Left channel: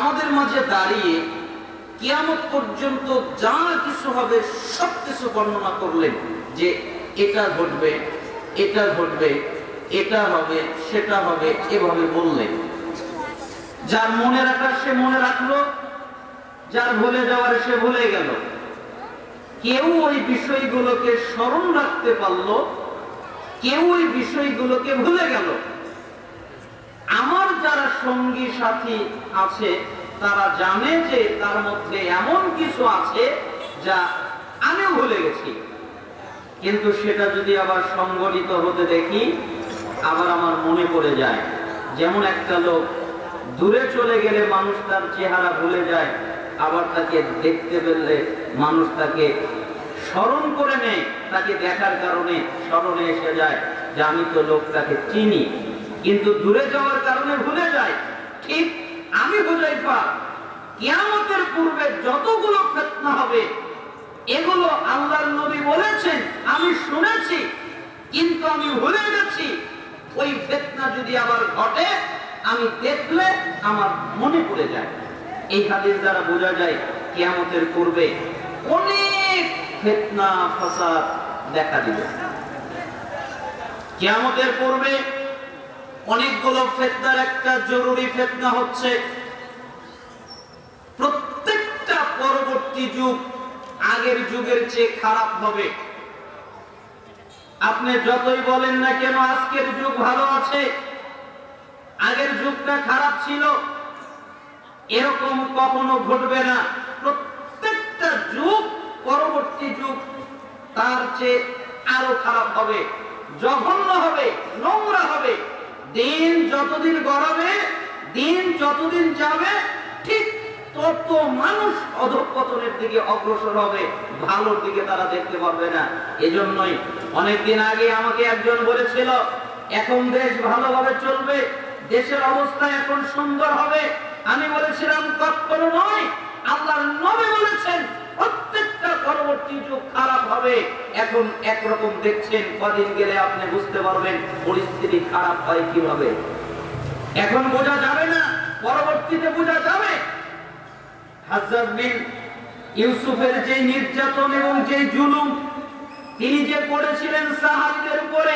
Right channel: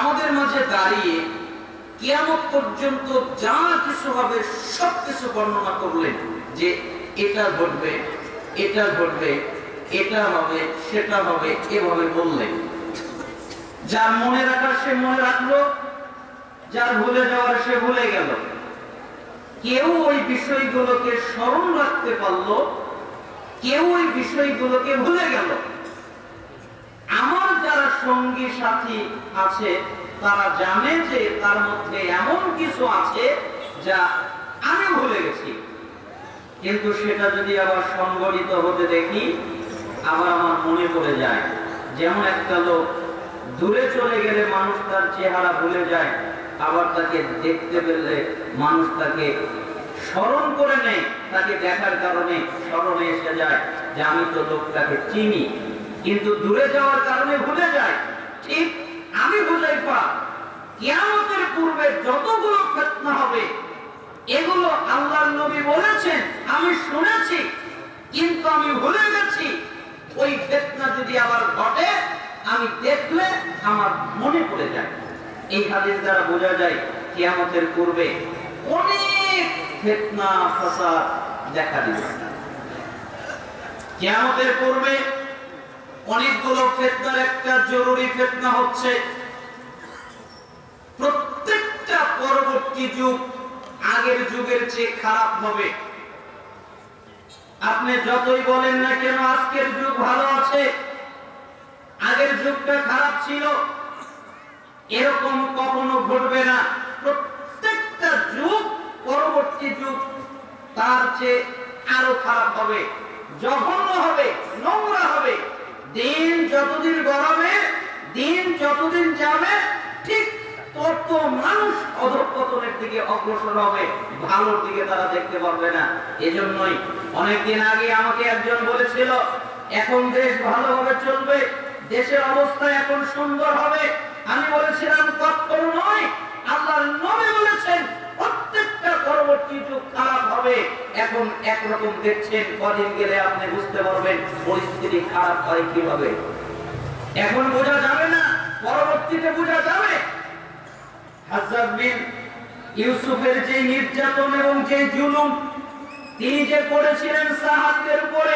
আমাদের মাঝে দাঁড়িয়ে কিয়ামত পর্যন্ত যা কিছু হবে সবকিছু বর্ণনা করলেন, যে এটা ঘটবে, এটা ঘটবে, এটা হবে, সেটা হবে, এভাবে বললেন। যার মনে রাখার সে মনে রাখলো, যার ভুলে যাওয়ার সে ভুলে গেল। কেউ ওই বিষয়গুলোকে স্মরণ রাখতে পারলো, কেউ ওই বিষয়গুলোকে ভুলে গেল। আমার যারা সঙ্গী সাথী আছে তারা জানে যে তার মধ্যে এমন কিছু আছে যা আমি ভুলে গেছি, কিন্তু সেটা যদি আবার সংগঠিত হতে দেখি আবার আমার মনে পড়ে যায়। যেমন একটা লোক দূরে চলে গেলে মানুষ তার চেহারা ভুলে যায়, আবার তাকে দেখতে পেলে মানুষ তাকে স্মরণ করে নেয়, তাকে দেখার কারণে স্মরণে এসে যায় যে আমি তো লোকটাকে চিনি, কিন্তু দূরে যাওয়ার কারণে ভুলে যায়। ঠিক আমি হুযায়ফা, কিয়ামতের পূর্বে যতগুলো ফিতনা হবে এগুলো আল্লাহর নবী বলেছেন, আমি শুনেছি কিন্তু আমি ভুলে গেছি। ওই ফিতনা যদি আবার ঘটে আমি দেখলে আমার মনে পড়ে যায়। এই হাদিস দ্বারা বোঝা যায় কিয়ামতের পূর্বে অনেক ফিতনা ফাসাদ দেখা দিবে। কিয়ামতের পূর্বে অনেকগুলো ফিতনার একটা জরুরি ফিতনা হচ্ছে, প্রত্যেকটা পরবর্তী যুগ আগের যুগের চেয়ে খারাপ হবে। আপনি যতই বলেন না কেন আজকের যুগ ভালো আছে, আগের যুগটা খারাপ ছিল, এরকম কখনো ঘটবে না। প্রত্যেকটা যুগ পরবর্তী যুগ তার চেয়ে আরো খারাপ হবে, জঘন্য হবে, নোংরা হবে। দিন যতদিন গড়াবে, দিন যতদিন যাবে, ঠিক তত মানুষ অধঃপতনের দিকে অগ্রসর হবে, ভালোর দিকে তারা দেখতে পাবে না। এজন্যই অনেকদিন আগে আমাকে একজন বলেছিল এখন দেশ ভালোভাবে চলবে, দেশের অবস্থা এখন সুন্দর হবে। আমি বলেছিলাম কখনো নয়, আল্লাহর নবী বলেছেন প্রত্যেকটা পরবর্তী যুগ খারাপ হবে। এখন একরকম দেখছেন, কদিন গেলে আপনি বুঝতে পারবেন পরিস্থিতি খারাপ হয় কিভাবে। এখন বোঝা যাবে না, পরবর্তীতে বোঝা যাবে। হাজ্জাজ বিন ইউসুফের যে নির্যাতন এবং যে জুলুম তিনি যে করেছিলেন সাহাবীদের উপরে,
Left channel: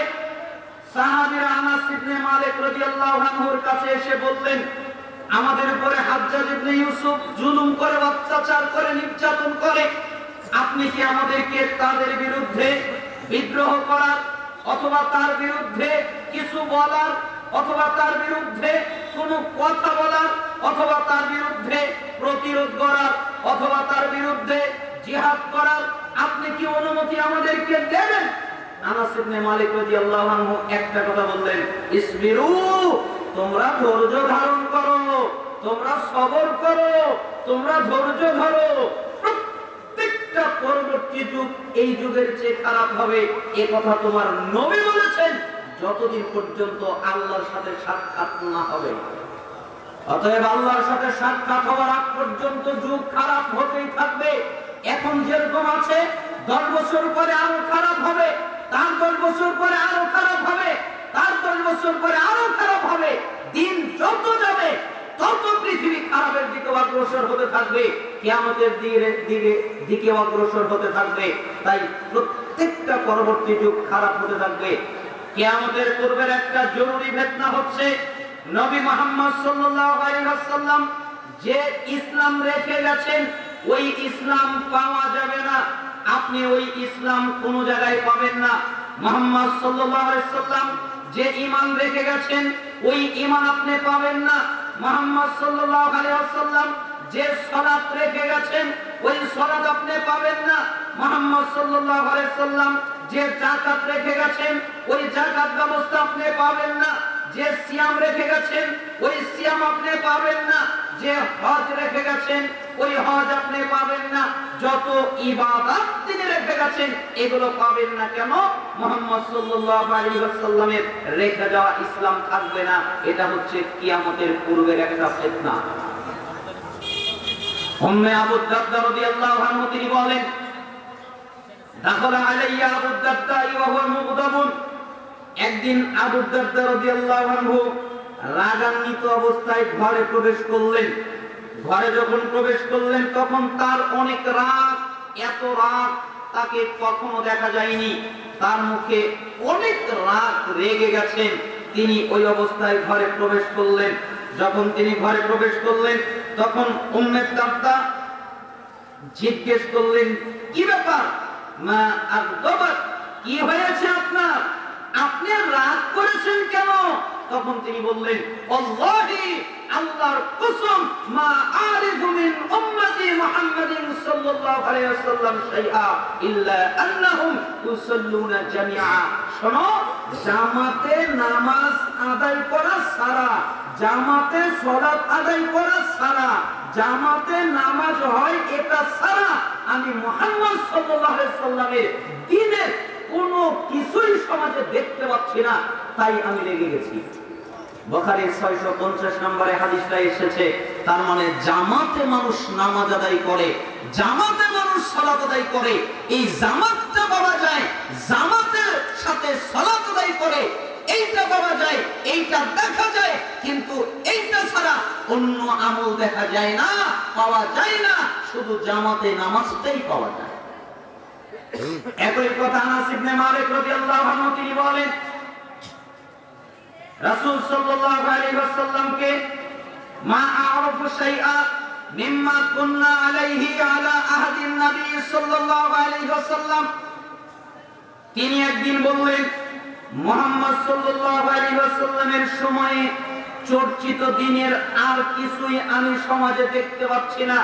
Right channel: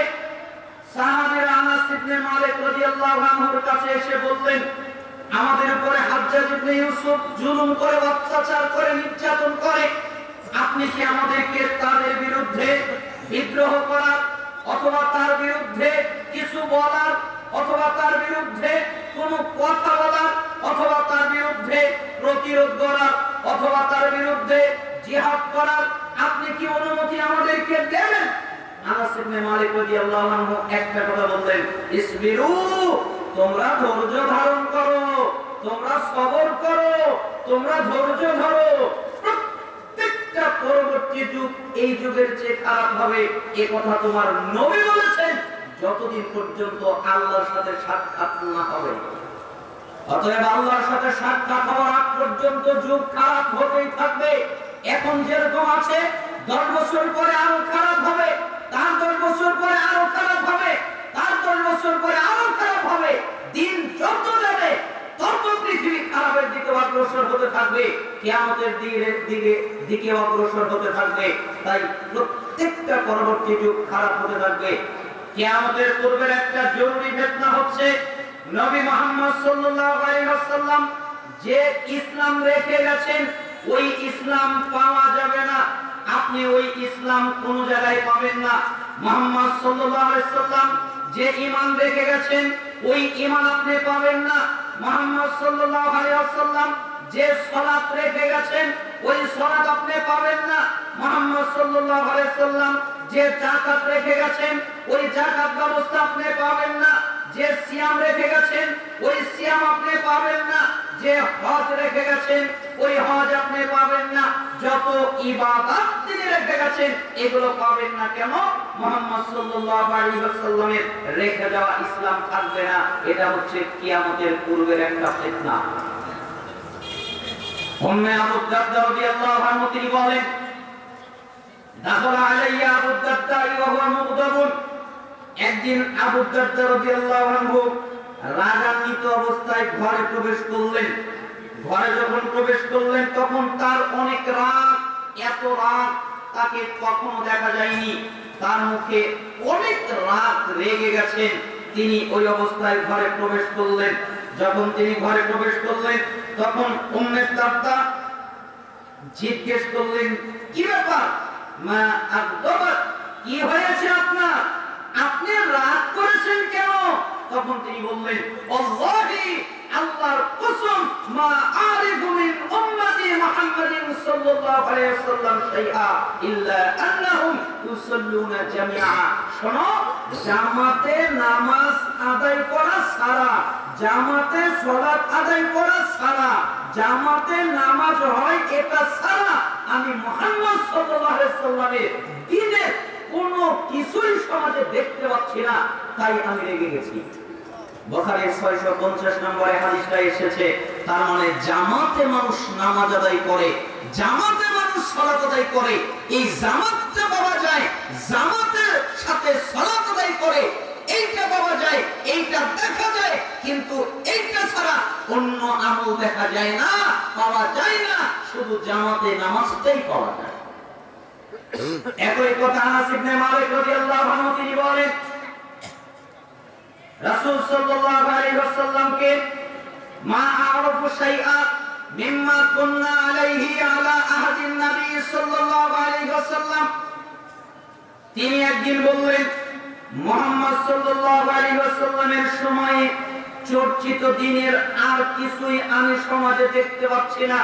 সাহাবীরা আনাস ইবনে মালিক রাদিয়াল্লাহু আনহুর কাছে এসে বললেন আমাদের উপরে হাজ্জাজ ইবনে ইউসুফ জুলুম করে, অত্যাচার করে, নির্যাতন করে, আপনি কি আমাদেরকে তাদের বিরুদ্ধে বিদ্রোহ করার অথবা তার বিরুদ্ধে কিছু বলার অথবা তার বিরুদ্ধে কোনো কথা বলার অথবা তার বিরুদ্ধে প্রতিরোধ করার অথবা তার বিরুদ্ধে জিহাদ করার আপনি কি অনুমতি আমাদেরকে দেবেন? আনাস ইবনে মালিক রাদিয়াল্লাহু আনহু একটা কথা বললেন, ইসবিরু, তোমরা ধৈর্য ধারণ করো, তোমরা সবর করো, তোমরা ধৈর্য ধরো। প্রত্যেকটা পরবর্তী যুগ এই যুগের চেয়ে খারাপ হবে, এ কথা তোমার নবী বলেছেন, যতদিন পর্যন্ত আল্লাহর সাথে সাক্ষাৎ না হবে। অতএব আল্লাহর সাথে সাক্ষাৎ হওয়ার আগ পর্যন্ত যুগ খারাপ হতেই থাকবে। এখন যেরকম আছে 10 বছর পরে আরো খারাপ হবে, তার 10 বছর পরে আরো খারাপ হবে, তার 10 বছর পরে আরো খারাপ হবে। দিন যত যাবে তত পৃথিবী খারাপের দিকে অগ্রসর হতে থাকবে, কিয়ামতের দিকে অগ্রসর হতে থাকবে। তাই প্রত্যেকটা পরবর্তী যুগ খারাপ হতে থাকবে। কিয়ামতের পূর্বের একটা জরুরি ফিতনা হচ্ছে নবী মুহাম্মদ সাল্লাল্লাহু আলাইহি ওয়াসাল্লাম যে ইসলাম রেখে গেছেন ওই ইসলাম পাওয়া যাবে না। আপনি ওই ইসলাম কোন জায়গায় পাবেন না। মুহাম্মদ সাল্লাল্লাহু আলাইহি ওয়াসাল্লাম যে ঈমান রেখে গেছেন ওই ঈমান আপনি পাবেন না। মুহাম্মদ সাল্লাল্লাহু আলাইহি ওয়াসাল্লাম যে সালাত রেখে গেছেন ওই সালাত আপনি পাবেন না। মুহাম্মদ সাল্লাল্লাহু আলাইহি ওয়াসাল্লাম যে যাকাত রেখে গেছেন ওই যাকাত ব্যবস্থা আপনি পাবেন না। যে সিয়াম রেখে গেছেন ওই সিয়াম আপনি পাবেন না। যে হজ রেখে গেছেন ওই হজ আপনি পাবেন না। যত ইবাদত তিনি রেখে গেছেন এগুলো পাবেন না। কেন? মুহাম্মদ সাল্লাল্লাহু আলাইহি ওয়াসাল্লামের রেখে যাওয়া ইসলাম থাকবে না। এটা হচ্ছে কিয়ামতের পূর্বের একটা ফিতনা। উম্মে আবু দারদা রাদিয়াল্লাহু আনহু তিনি বলেন, দাখালা আলাইয়া আবু দারদা ওয়া হুয়া মুগদাবুন। একদিন আবু দারদা রাদিয়াল্লাহু আনহু রাগান্বিত অবস্থায় ঘরে প্রবেশ করলেন। ঘরে যখন প্রবেশ করলেন তখন তার অনেক রাগ, এত রাগ তাকে কখনো দেখা যায়নি। তার মুখে অনেক রাগ, রেগে গেছেন। তিনি ওই অবস্থায় ঘরে প্রবেশ করলেন। যখন তিনি ঘরে প্রবেশ করলেন তখন উম্মে দারদা জিজ্ঞেস করলেন, কি ব্যাপার? মা আগদাবাত, কি হয়েছে আপনার? আপনি রাগ করেছেন কেন? তখন তিনি বললেন, আল্লাহি, আল্লাহর কসম, মা আরিফু মিন উম্মতি মুহাম্মাদিন সাল্লাল্লাহু আলাইহি ওয়াসাল্লাম শাইআ ইল্লা আন্নাহুম ইউসাল্লুনা জামিআ। শোনো, জামাতে নামাজ আদায় করা সারা, জামাতে সালাত আদায় করা সারা, জামাতে নামাজ হয় এটা সারা আমি মুহাম্মদ সাল্লাল্লাহু আলাইহি ওয়াসাল্লামের দ্বীনের কোনো কিছুই সমাজে দেখতে পাচ্ছি না, তাই আমি রেগে গেছি। বুখারীর 650 নম্বরে হাদিসটা এসেছে। তার মানে জামাতে মানুষ নামাজ আদায় করে, জামাতে মানুষ সালাত আদায় করে। এই জামাতটা পাওয়া যায়, জামাতের সাথে সালাত আদায় করে, এইটা পাওয়া যায়, এইটা দেখা যায়। কিন্তু এইটা ছাড়া অন্য আমল দেখা যায় না, পাওয়া যায় না, শুধু জামাতে নামাজটাই পাওয়া যায়। একই কথা আনাস ইবনে মালিক রাদিয়াল্লাহু আনহু তিনি বলেন, রাসূল সাল্লাল্লাহু আলাইহি ওয়াসাল্লামকে মা আরাফু শাইআ মিম্মা কুননা আলাইহি আলা আহদিন নবী সাল্লাল্লাহু আলাইহি ওয়াসাল্লাম, তিনি একদিন বললেন, মুহাম্মদ সাল্লাল্লাহু আলাইহি ওয়াসাল্লামের সময়ে চর্চিত দিনের আর কিছুই আমি সমাজে দেখতে পাচ্ছি না।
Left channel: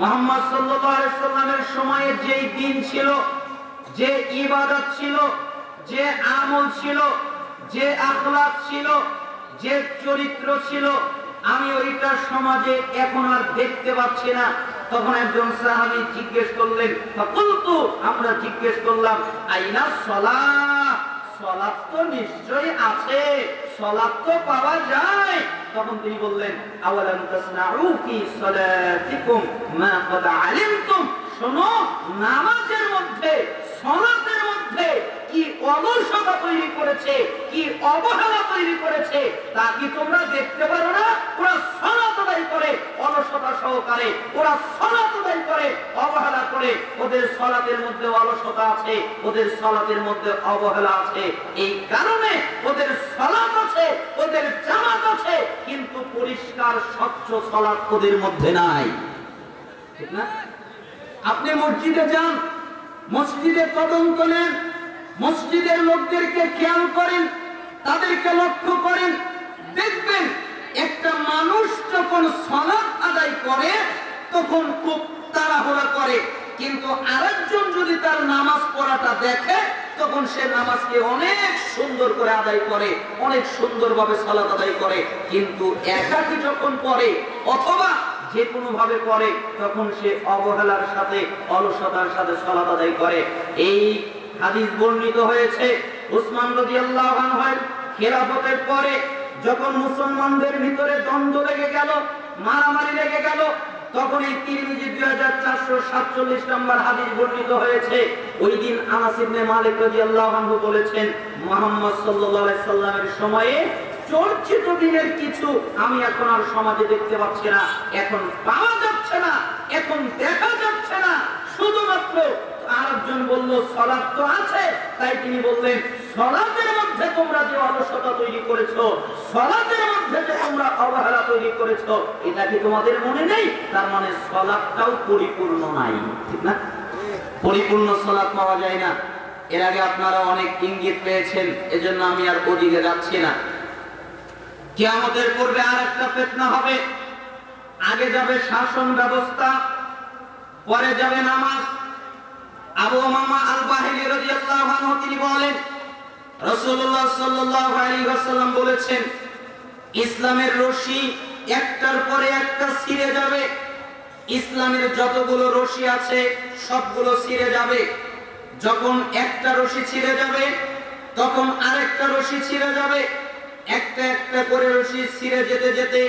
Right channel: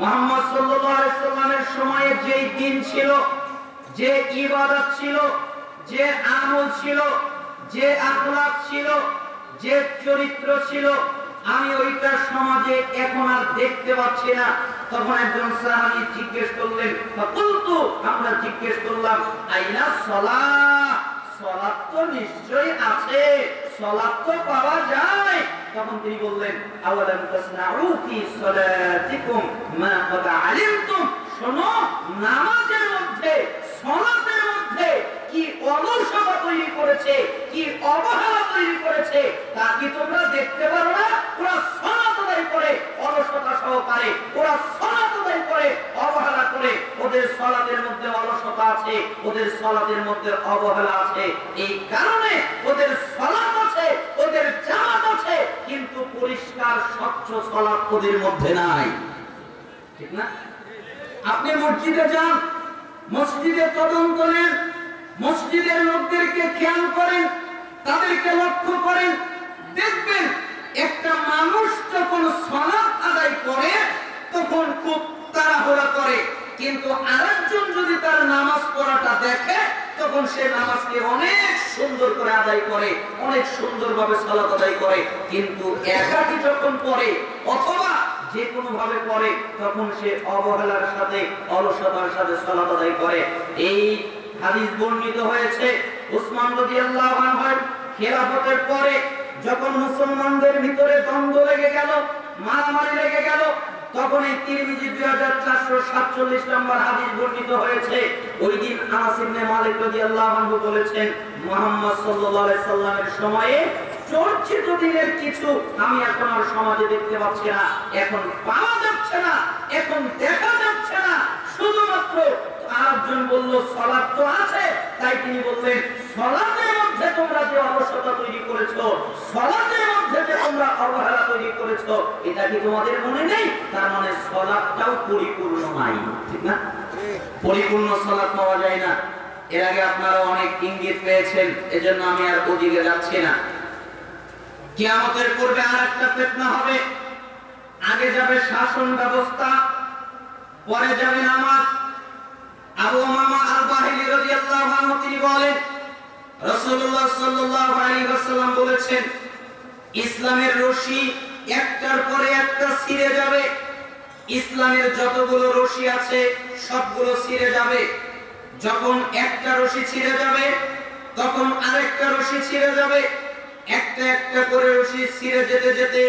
মুহাম্মদ সাল্লাল্লাহু আলাইহি ওয়াসাল্লামের সময়ে যেই দিন ছিল, যে ইবাদত ছিল, যে আমল ছিল, যে আখলাক ছিল, যে চরিত্র ছিল, আমি ওইটা সমাজে এখন আর দেখতে পাচ্ছি না। তখন একজন সাহাবী জিজ্ঞেস করলেন, ফাকুলতু, আমরা জিজ্ঞেস করলাম, আইনা সালাহ, সালাত তো নিশ্চয়ই আছে, সালাত তো পাওয়া যায়। তখন তিনি বললেন, আওয়ালাম তাসনাউ ফি সালাতিকুম মা ক্বাদ আলিমতুম, শোনো, নামাজের মধ্যে, সালাতের মধ্যে কি অলসতা তৈরি করেছে, কি অবহেলা তৈরি করেছে, তা কি তোমরা দেখতে পারো না? ওরা সালাত আদায় করে অলসতা সহকারে, ওরা সালাত আদায় করে অবহেলা করে। ওদের সালাতের মধ্যে অলসতা আছে, ওদের সালাতের মধ্যে অবহেলা আছে। এই কারণে ওদের সালাত আছে, ওদের জামাত আছে, কিন্তু পরিষ্কার স্বচ্ছ সালাত ওদের মধ্যে নাই। ঠিক না? আপনি মসজিদে যান, মসজিদে তদন্ত নেন, মসজিদের লোকদেরকে খেয়াল করেন, তাদেরকে লক্ষ্য করেন, দেখবেন একটা মানুষ যখন সালাত আদায় করে তখন খুব তাড়াহুড়া করে, কিন্তু আরেকজন যদি তার নামাজ পড়াটা দেখে তখন সে নামাজকে অনেক সুন্দর করে আদায় করে, অনেক সুন্দরভাবে সালাত আদায় করে। কিন্তু একাকী যখন পড়ে অথবা যে কোনো ভাবে পড়ে তখন সে অবহেলার সাথে, অলসতার সাথে সালাত আদায় করে। এই হাদিস বর্ণিত হয়েছে উসমান রাদিয়াল্লাহু আনহুর খেলাফতের পরে, যখন মুসলমানদের ভিতরে দ্বন্দ্ব লেগে গেল, মারামারি লেগে গেল, তখন এই তিরমিজি 2447 নম্বর হাদিস বর্ণিত হয়েছে। ওই দিন আনাস ইবনে মালিক রাদিয়াল্লাহু আনহু বলেছেন, মুহাম্মদ সাল্লাল্লাহু আলাইহি সাল্লামের সময়ে চর্চিত দিনের কিছু আমি এখন আর সমাজে দেখতে পাচ্ছি না, এখন পাওয়া যাচ্ছে না, এখন দেখা যাচ্ছে না। শুধুমাত্র আরেকজন বলল সালাত তো আছে, তাই তিনি বললেন, সালাতের মধ্যে তোমরা যে অলসতা তৈরি করেছো, সালাতের মধ্যে যে তোমরা অবহেলা তৈরি করেছো, এটা কি তোমাদের মনে নেই? তার মানে সালাতটাও পরিপূর্ণ নাই। ঠিক না? পরিপূর্ণ সালাত পাওয়া যায় না। এর আগে আপনারা অনেক ইঙ্গিত পেয়েছেন, এজন্য আমি আর ওদিকে যাচ্ছি না। কিয়ামতের পূর্বে আরেকটা ফিতনা হবে। আগে যাবে শাসন ব্যবস্থা, পরে যাবে নামাজ। আবু উমামা আল-বাহিলি রাদিয়াল্লাহু আনহু তিনি বলেন, রাসূলুল্লাহ সাল্লাল্লাহু আলাইহি ওয়াসাল্লাম বলেছেন, ইসলামের রশি একটার পরে একটা ছিঁড়ে যাবে। ইসলামের যতগুলো রশি আছে সবগুলো ছিঁড়ে যাবে। যখন একটা রশি ছিঁড়ে যাবে তখন আরেকটা রশি ছিঁড়ে যাবে। একটা একটা করে রশি ছিঁড়ে যেতে যেতে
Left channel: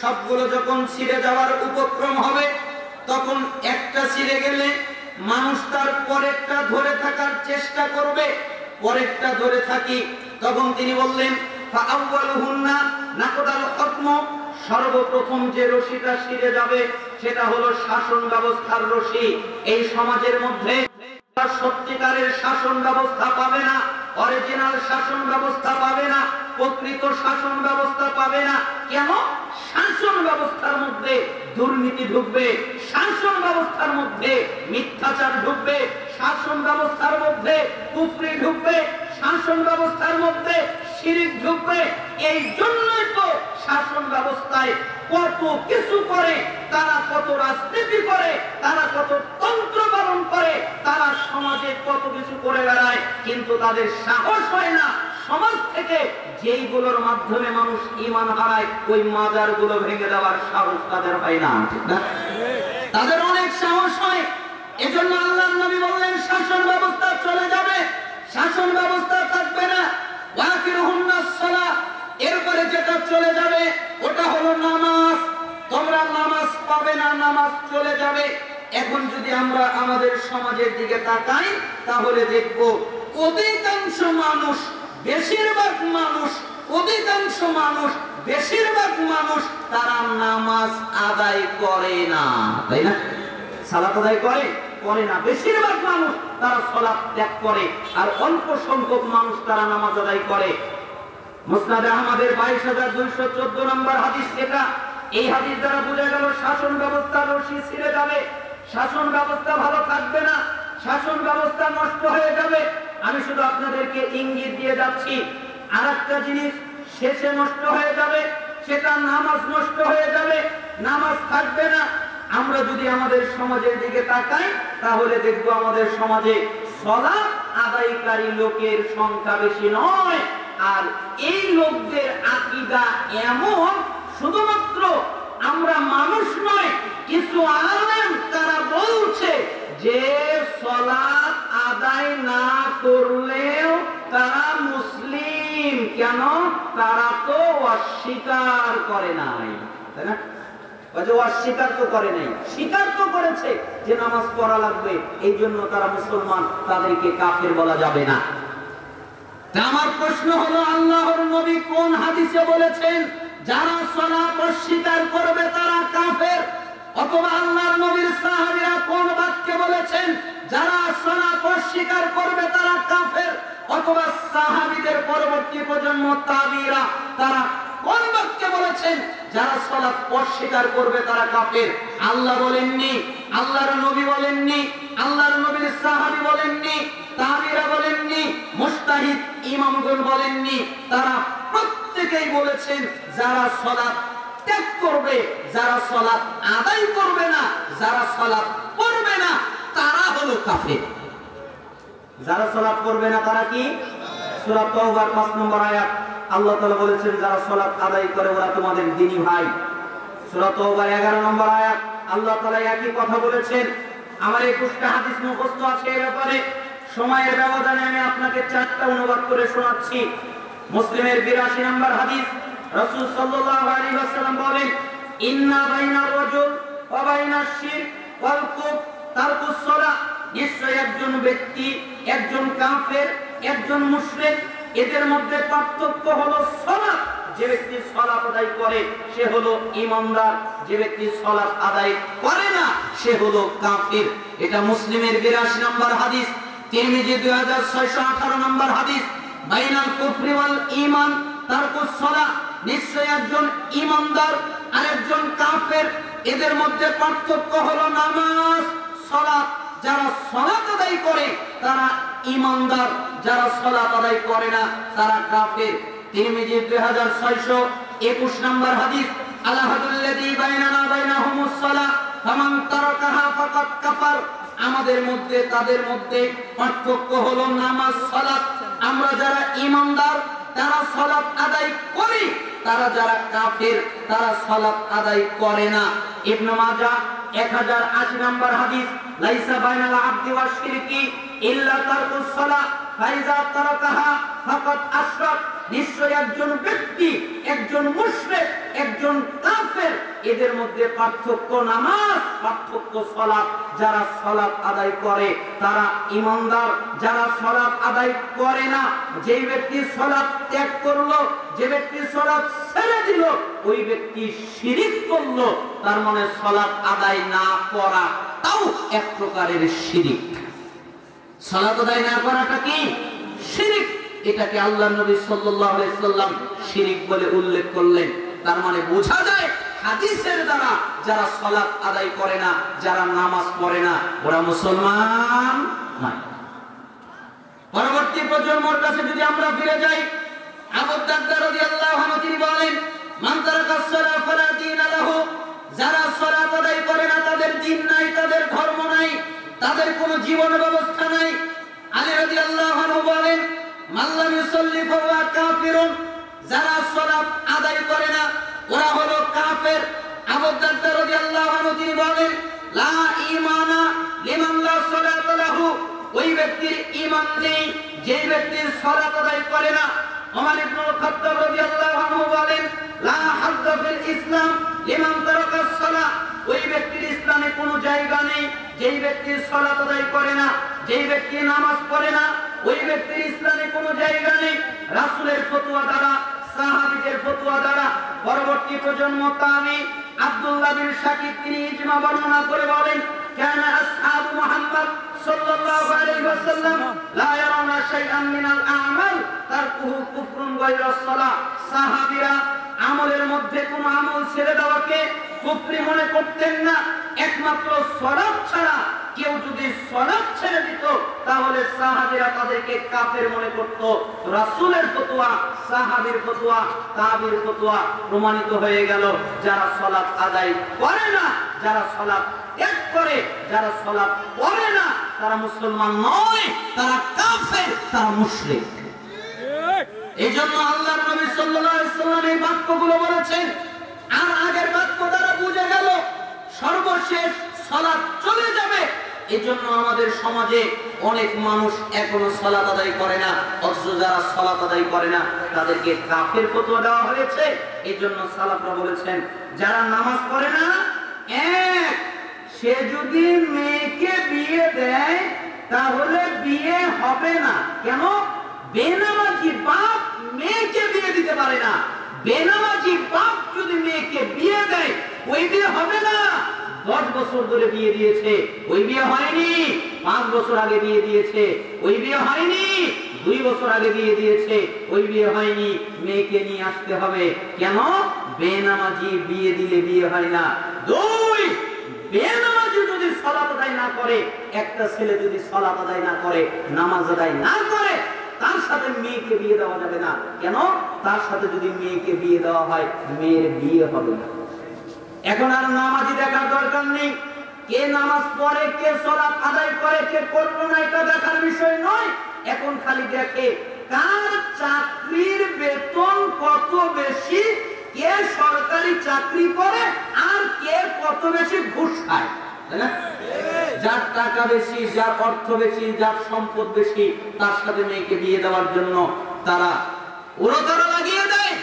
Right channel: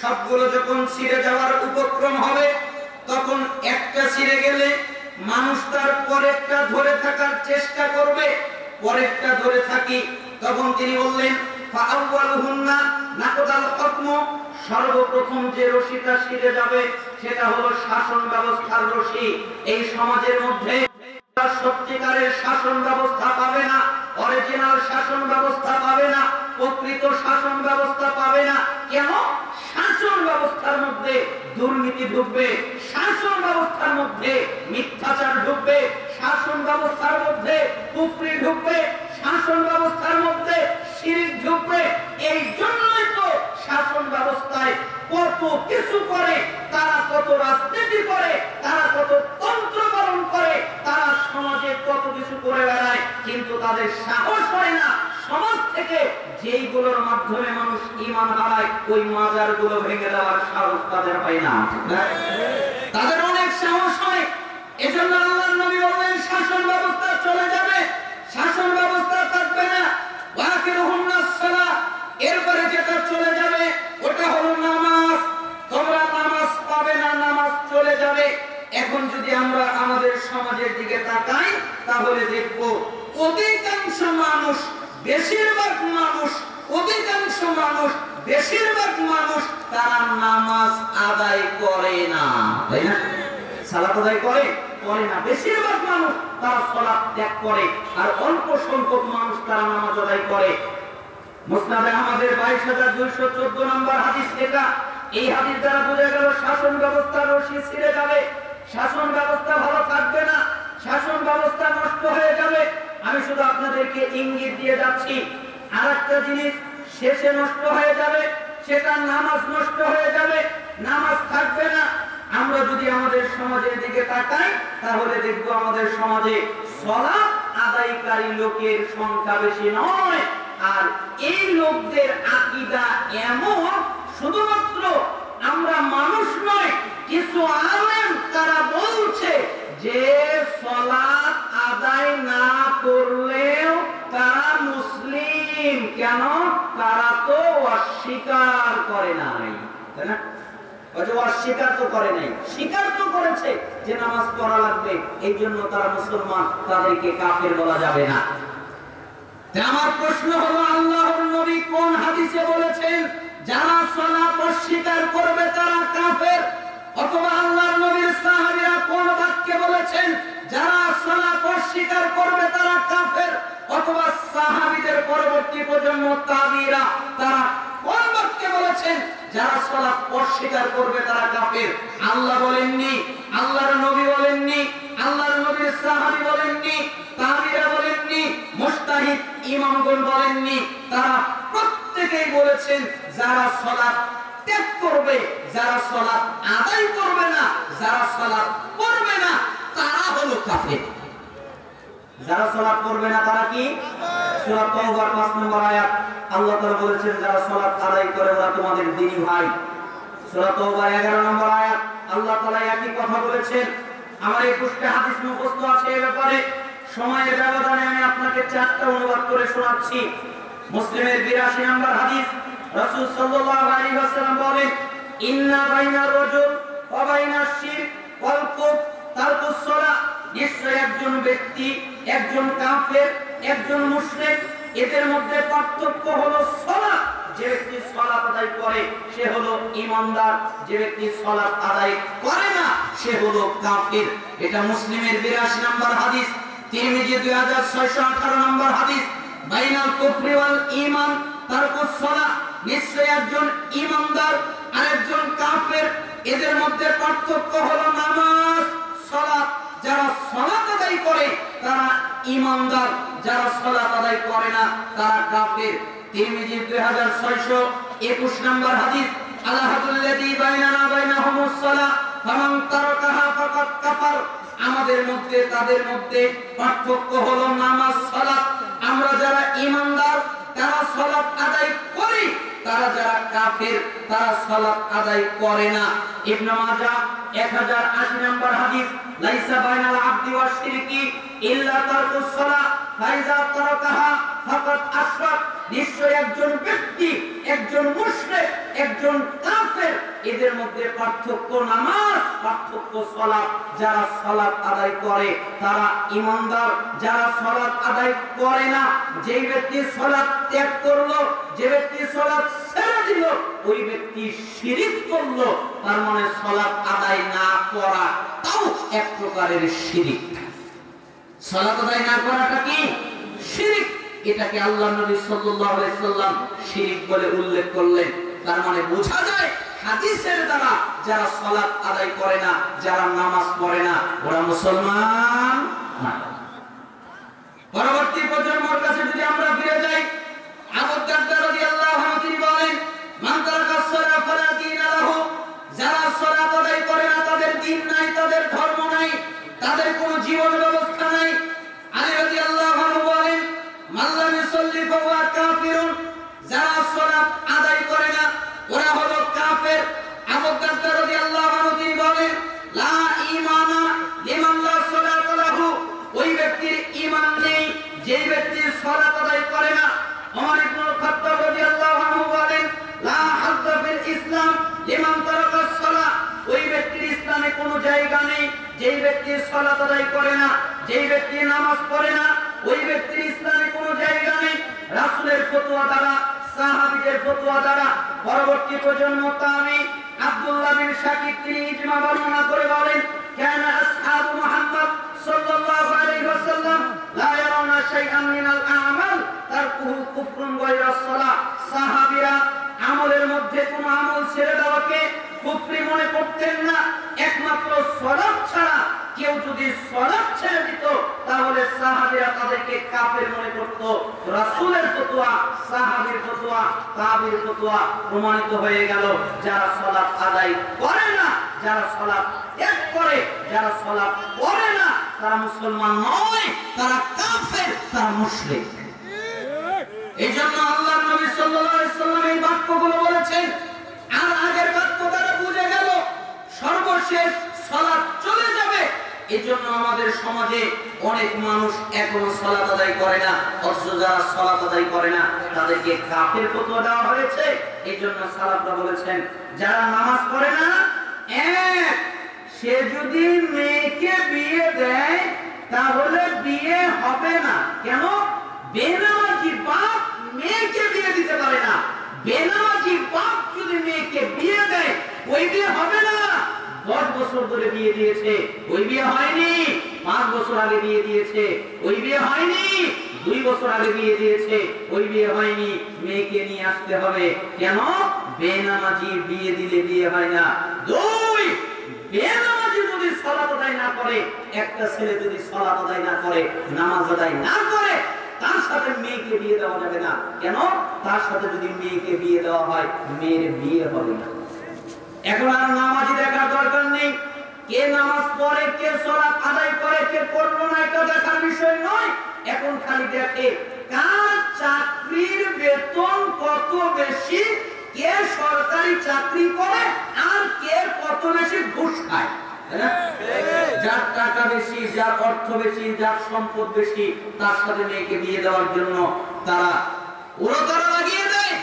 সবগুলো যখন ছিঁড়ে যাওয়ার উপক্রম হবে, তখন একটা ছিঁড়ে গেলে মানুষ তার পরেরটা ধরে থাকার চেষ্টা করবে। পরেরটা ধরে থাকি, তখন তিনি বললেন, ফাআউয়ালুহুন্না নাকদাল হুকম, সর্বপ্রথম যে রশিটা ছিঁড়ে যাবে সেটা হলো শাসন ব্যবস্থার রশি। এই সমাজের মধ্যে সত্যিকারের শাসন ব্যবস্থা পাবে না, অরিজিনাল শাসন ব্যবস্থা পাবে না, প্রকৃত শাসন ব্যবস্থা পাবে না। কেন? শাসন ব্যবস্থার মধ্যে দুর্নীতি ঢুকবে, শাসন ব্যবস্থার মধ্যে মিথ্যাচার ঢুকবে, শাসন ব্যবস্থার মধ্যে কুফরি ঢুকবে, শাসন ব্যবস্থার মধ্যে শিরক ঢুকবে। এই জন্যই তো শাসন ব্যবস্থায় কত কিছু করে, তারা কত রাজনীতি করে, তারা কত তন্ত্র পালন করে, তারা সমাজে কত কিছু করে বেড়ায়, কিন্তু তাদের সাহস হয় না সমাজ থেকে যেইগুলোর মাধ্যমে মানুষ ঈমান হারায় ওই মাজার গুলো ভেঙে দেওয়ার সাহস তাদের হয় না। তাদের অনেক সাহস হয়। এজন্য আল্লাহর নবী বললেন শাসন ব্যবস্থা চলে যাবে, শাসন ব্যবস্থা থাকবে না। ওয়াকিরুহুন্নাস সালাহ, এরপরে যেটা চলে যাবে ওটা হলো নামাজ। তোমরা নামাজ পাবে না, নামাজ চলে যাবে। এখন যদি আমরা আমাদের সমাজের দিকে তাকাই তাহলে দেখব অধিকাংশ মানুষ, বেশিরভাগ মানুষ, অধিকাংশ মানুষ, বেশিরভাগ মানুষ তারা নামাজ আদায় করে না, তাই না? সালাত আদায় করে না। বেশিরভাগ মানুষ তারা সালাত ত্যাগ করে, আর অল্প সংখ্যক মানুষ তারা নামাজ আদায় করে। মুসনাদে আহমদের 2214 নম্বর হাদিস এটা। এই হাদিস দ্বারা বোঝা গেল শাসন ব্যবস্থার রশি ছিঁড়ে যাবে, শাসন ব্যবস্থা ভালো থাকবে না, শাসন ব্যবস্থা নষ্ট হয়ে যাবে। আমি শুধু আপনাদেরকে ইঙ্গিত দিয়ে যাচ্ছি। আরেকটা জিনিস শেষে নষ্ট হয়ে যাবে, সেটা নামাজ নষ্ট হয়ে যাবে, নামাজ থাকবে না। আমরা যদি আমাদের সমাজের দিকে তাকাই তাহলে দেখব আমাদের সমাজে সালাত আদায়কারী লোকের সংখ্যা বেশি নয়। আর এই লোকদের আকীদা এমন, শুধুমাত্র আমরা মানুষ নয়, কিছু আলেম তারা বলছে যে সালাত আদায় না করলেও তারা মুসলিম। কেন? তারা তো অস্বীকার করে নাই, তাই না? অস্বীকার তো করে নাই, স্বীকার তো করেছে যে নামাজ পড়া লাগবে, এই জন্য তারা মুসলমান, তাদেরকে কাফের বলা যাবে না। আমার প্রশ্ন হলো, আল্লাহর নবী কোন হাদিসে বলেছেন যারা সালাত অস্বীকার করবে তারা কাফের? অথবা আল্লাহর নবীর সাহাবীরা কোন বাক্যে বলেছেন যারা সালাত অস্বীকার করবে তারা কাফের? অথবা সাহাবীদের পরবর্তী প্রজন্ম তাবিঈরা তারা কোন বাক্যে বলেছেন যারা সালাত অস্বীকার করবে তারা কাফের? আল্লাহ বলেননি, আল্লাহর নবী বলেননি, আল্লাহর নবীর সাহাবী বলেননি, তাবিঈরা বলেননি, মুজতাহিদ ইমামগণ বলেননি। তারা প্রত্যেকেই বলেছেন যারা সালাত ত্যাগ করবে, যারা সালাত আদায় করবে না, যারা সালাত পড়বে না তারা হলো কাফের। যারা সালাত পড়বে না তারা কি? সূরা তাওবার 5 নম্বর আয়াত আল্লাহ তাআলা বলেছেন যারা সালাত আদায় করে ওরা তোমাদের দ্বীনি ভাই। সূরা তাওবার 11 নম্বর আয়াত আল্লাহ তাআলা একই কথা বলেছেন। আমার 21টা হাদিস মুখস্থ আছে এর ব্যাপারে, সময়ের ব্যবধানে আমি আপনাকে 4টা অনুবাদ করে শোনাচ্ছি। মুসলিমের 82 নম্বর হাদিস, রাসূল সাল্লাল্লাহু আলাইহি ওয়াসাল্লাম বলেন, ইন্না বাইনা রাজুল ওয়া বাইনা শিরক ওয়াল কুফর তারকুস সালাহ। নিশ্চয় একজন ব্যক্তি, একজন কাফের, একজন মুশরিক, এদের মধ্যে পার্থক্য হলো সালাত। যে ব্যক্তি সালাত আদায় করে সে হলো ঈমানদার, যে ব্যক্তি সালাত আদায় করে না সে হলো কাফের। এটা মুসলিমের 82 নম্বর হাদিস। তিরমিজি 2618 নম্বর হাদিস, বাইনাল কুফরি ওয়াল ঈমান তারকুস সালাহ। নিশ্চয় একজন ঈমানদার আর একজন কাফের, এদের মধ্যে পার্থক্য হলো নামাজ, সালাত। যারা সালাত আদায় করে তারা ঈমানদার, যারা সালাত আদায় করে না তারা কাফের। তিরমিজি 2621 নম্বর হাদিস, আলাহাদুল্লাযী বাইনানা বাইনাহুমুস সালাহ ফামান তারাকাহা ফাকাদ কাফার। আমাদের মধ্যে তাদের মধ্যে পার্থক্য হলো নামাজ, সালাত। আমরা যারা ঈমানদার তারা সালাত আদায় করি, তারা যারা কাফের তারা সালাত আদায় করে না। ইবনে মাজাহ 1080 নম্বর হাদিস, লাইসা বাইনাল আবদি ওয়াশ শিরকি ইল্লা তারকুস সালাহ ফাইজা তারাকাহা ফাকাদ আশরাক। নিশ্চয় একজন ব্যক্তি, একজন মুশরিক, একজন কাফের, এদের মধ্যে পার্থক্য নামাজ, পার্থক্য সালাত। যারা সালাত আদায় করে তারা ঈমানদার, যারা সালাত আদায় করে না, যে ব্যক্তি সালাত ত্যাগ করলো, যে ব্যক্তি সালাত ছেড়ে দিল, ওই ব্যক্তি শিরক করলো। তার মানে সালাত আদায় না করা তাও এক প্রকারের শিরক। সালাত আদায় না করাটা কি শিরক। এটাকে আল্লাহ নবী সাল্লাল্লাহু আলাইহি সাল্লাম শিরক বলে উল্লেখ করলেন। তার মানে বোঝা যায় হাদিসের দ্বারা যারা সালাত আদায় করে না, যারা নামাজ পড়ে না, ওরা মুসলমান না। পরবর্তী প্রজন্মের কাছে যদি আমরা ফিরে যাই, আবু দারদা রাদিয়াল্লাহু আনহু তিনি বলেন, মান তারাকাস সালাত ফালা দীনা লাহু, যারা সালাত আদায় করে না তাদের দ্বীন নাই, তাদের ধর্ম নাই, তাদের কোনো জীবন ব্যবস্থা নাই। আলী রাদিয়াল্লাহু আনহু বলেন, মান লাম ইউসাল্লি ফাহুয়া কাফিরুন, যারা সালাত আদায় করে না ওরা হলো কাফের। আবু দারদা রাদিয়াল্লাহু আনহু তিনি বলেন, লা ঈমানা লিমান লা সালাতা লাহু, ওই ব্যক্তির ঈমান নেই যে ব্যক্তি সালাত আদায় করে না। ওমর ইবনুল খাত্তাব রাদিয়াল্লাহু আনহু বলেন, লা হাজ্জা ফিল ইসলাম লিমান তারাকাস সালাত, ওই ব্যক্তির ইসলামে কোনো জায়গা নেই যেই ব্যক্তি সালাত আদায় করে না, যেই ব্যক্তি নামাজ পড়ে না, ওই ব্যক্তির ইসলামে কোনো জায়গা নেই। রাসূলের ফতোয়া দ্বারা, সাহাবীদের ফতোয়া দ্বারা পরবর্তী প্রজন্ম তাবি আব্দুল্লাহ বিন শাকিক তিনি ইজমা বর্ণনা করে বলেন, কানা আসহাবু মুহাম্মদ সাল্লাল্লাহু আলাইহি ওয়াসাল্লাম লা ইয়ারাউনা শাইআন মিনাল আমাল তারকুহু কুফরুন গায়রা সালাহ, সাহাবীরা আমলের মধ্যে কোনো আমল ছেড়ে দেওয়াকে কুফরি মনে করতেন না, একমাত্র সালাত ছাড়া কেউ যদি সালাত ছেড়ে দিত তাহলে সাহাবীরা তাদেরকে কাফের মনে করত। রাসূলের ফতোয়া, সাহাবীর ফতোয়া, তাবির ফতোয়া প্রমাণিত হয়ে গেল, যারা সালাত আদায় করে না, যারা সালাত ত্যাগ করে, যারা সালাত পড়ে না, তারা মুসলমান নয়, তারা কাফের, তারা মুশরিক। এইজন্য আল্লাহর নবী সাল্লাল্লাহু আলাইহি ওয়াসাল্লাম এই বাক্যগুলো বলেছেন। আর আগের বাক্য দ্বারা বোঝা গেল সর্বশেষ সালাত চলে যাবে। এজন্য আমাদের সমাজে অনেক মানুষ এখনো সালাত আদায় করে না, অথচ যারা সালাত আদায় করে না তাদেরকে কাফের ফতোয়া দেওয়া হয়েছে। এইজন্য সালাফরা বলেছেন, যারা নামাজ পড়ে না, এক সে যদি মেয়েকে বিয়ে দেয় তাহলে বিয়ে হবে না। কেন? বেনামাজি বাপ মেয়েকে বিয়ে দিতে পারে না। বেনামাজি বাপ যদি মেয়েকে বিয়ে দেয় ওই বিয়ে হবে না। 10 বছর ধরে বিয়ে দিয়েছে, ওই বিয়ে হয়নি। 5 বছর আগে বিয়ে দিয়েছে, ওই বিয়ে হয়নি। 2 বছর আগে বিয়ে দিয়েছে, ওই বিয়ে হয়নি। মেয়েকে নিয়ে আসতে হবে। কেন? বেনামাজি বিয়ে দিলে বিয়ে হয় না। 2, বেনামাজি যদি সালাত আদায় না করে, একটা ছেলে যদি সালাত আদায় না করে, নামাজ আদায় না করে, তার সাথে মেয়েকে বিয়ে দেওয়া যাবে না। কেন? তার সাথে যদি মেয়েকে বিয়ে দেওয়া হয়, মেয়ের বিয়ে হবে না। এখন আর নামাজি দেখার দরকার নেই। কে নামাজ পড়ে, কে সালাত আদায় করে, কে পড়লো না, এটা দেখার বিষয় নয়। এখন খালি দেখে কার চাকরির বেতন কত বেশি, কে সরকারি চাকরি করে, আর কে কত বেশি ঘুষ খায়। যার টাকা বেশি, যার অর্থ বেশি, যার সম্পদ বেশি, তার সাথে মেয়েকে বিয়ে দেওয়ার জন্য তারা উড়োতারা লাগিয়ে দেয়।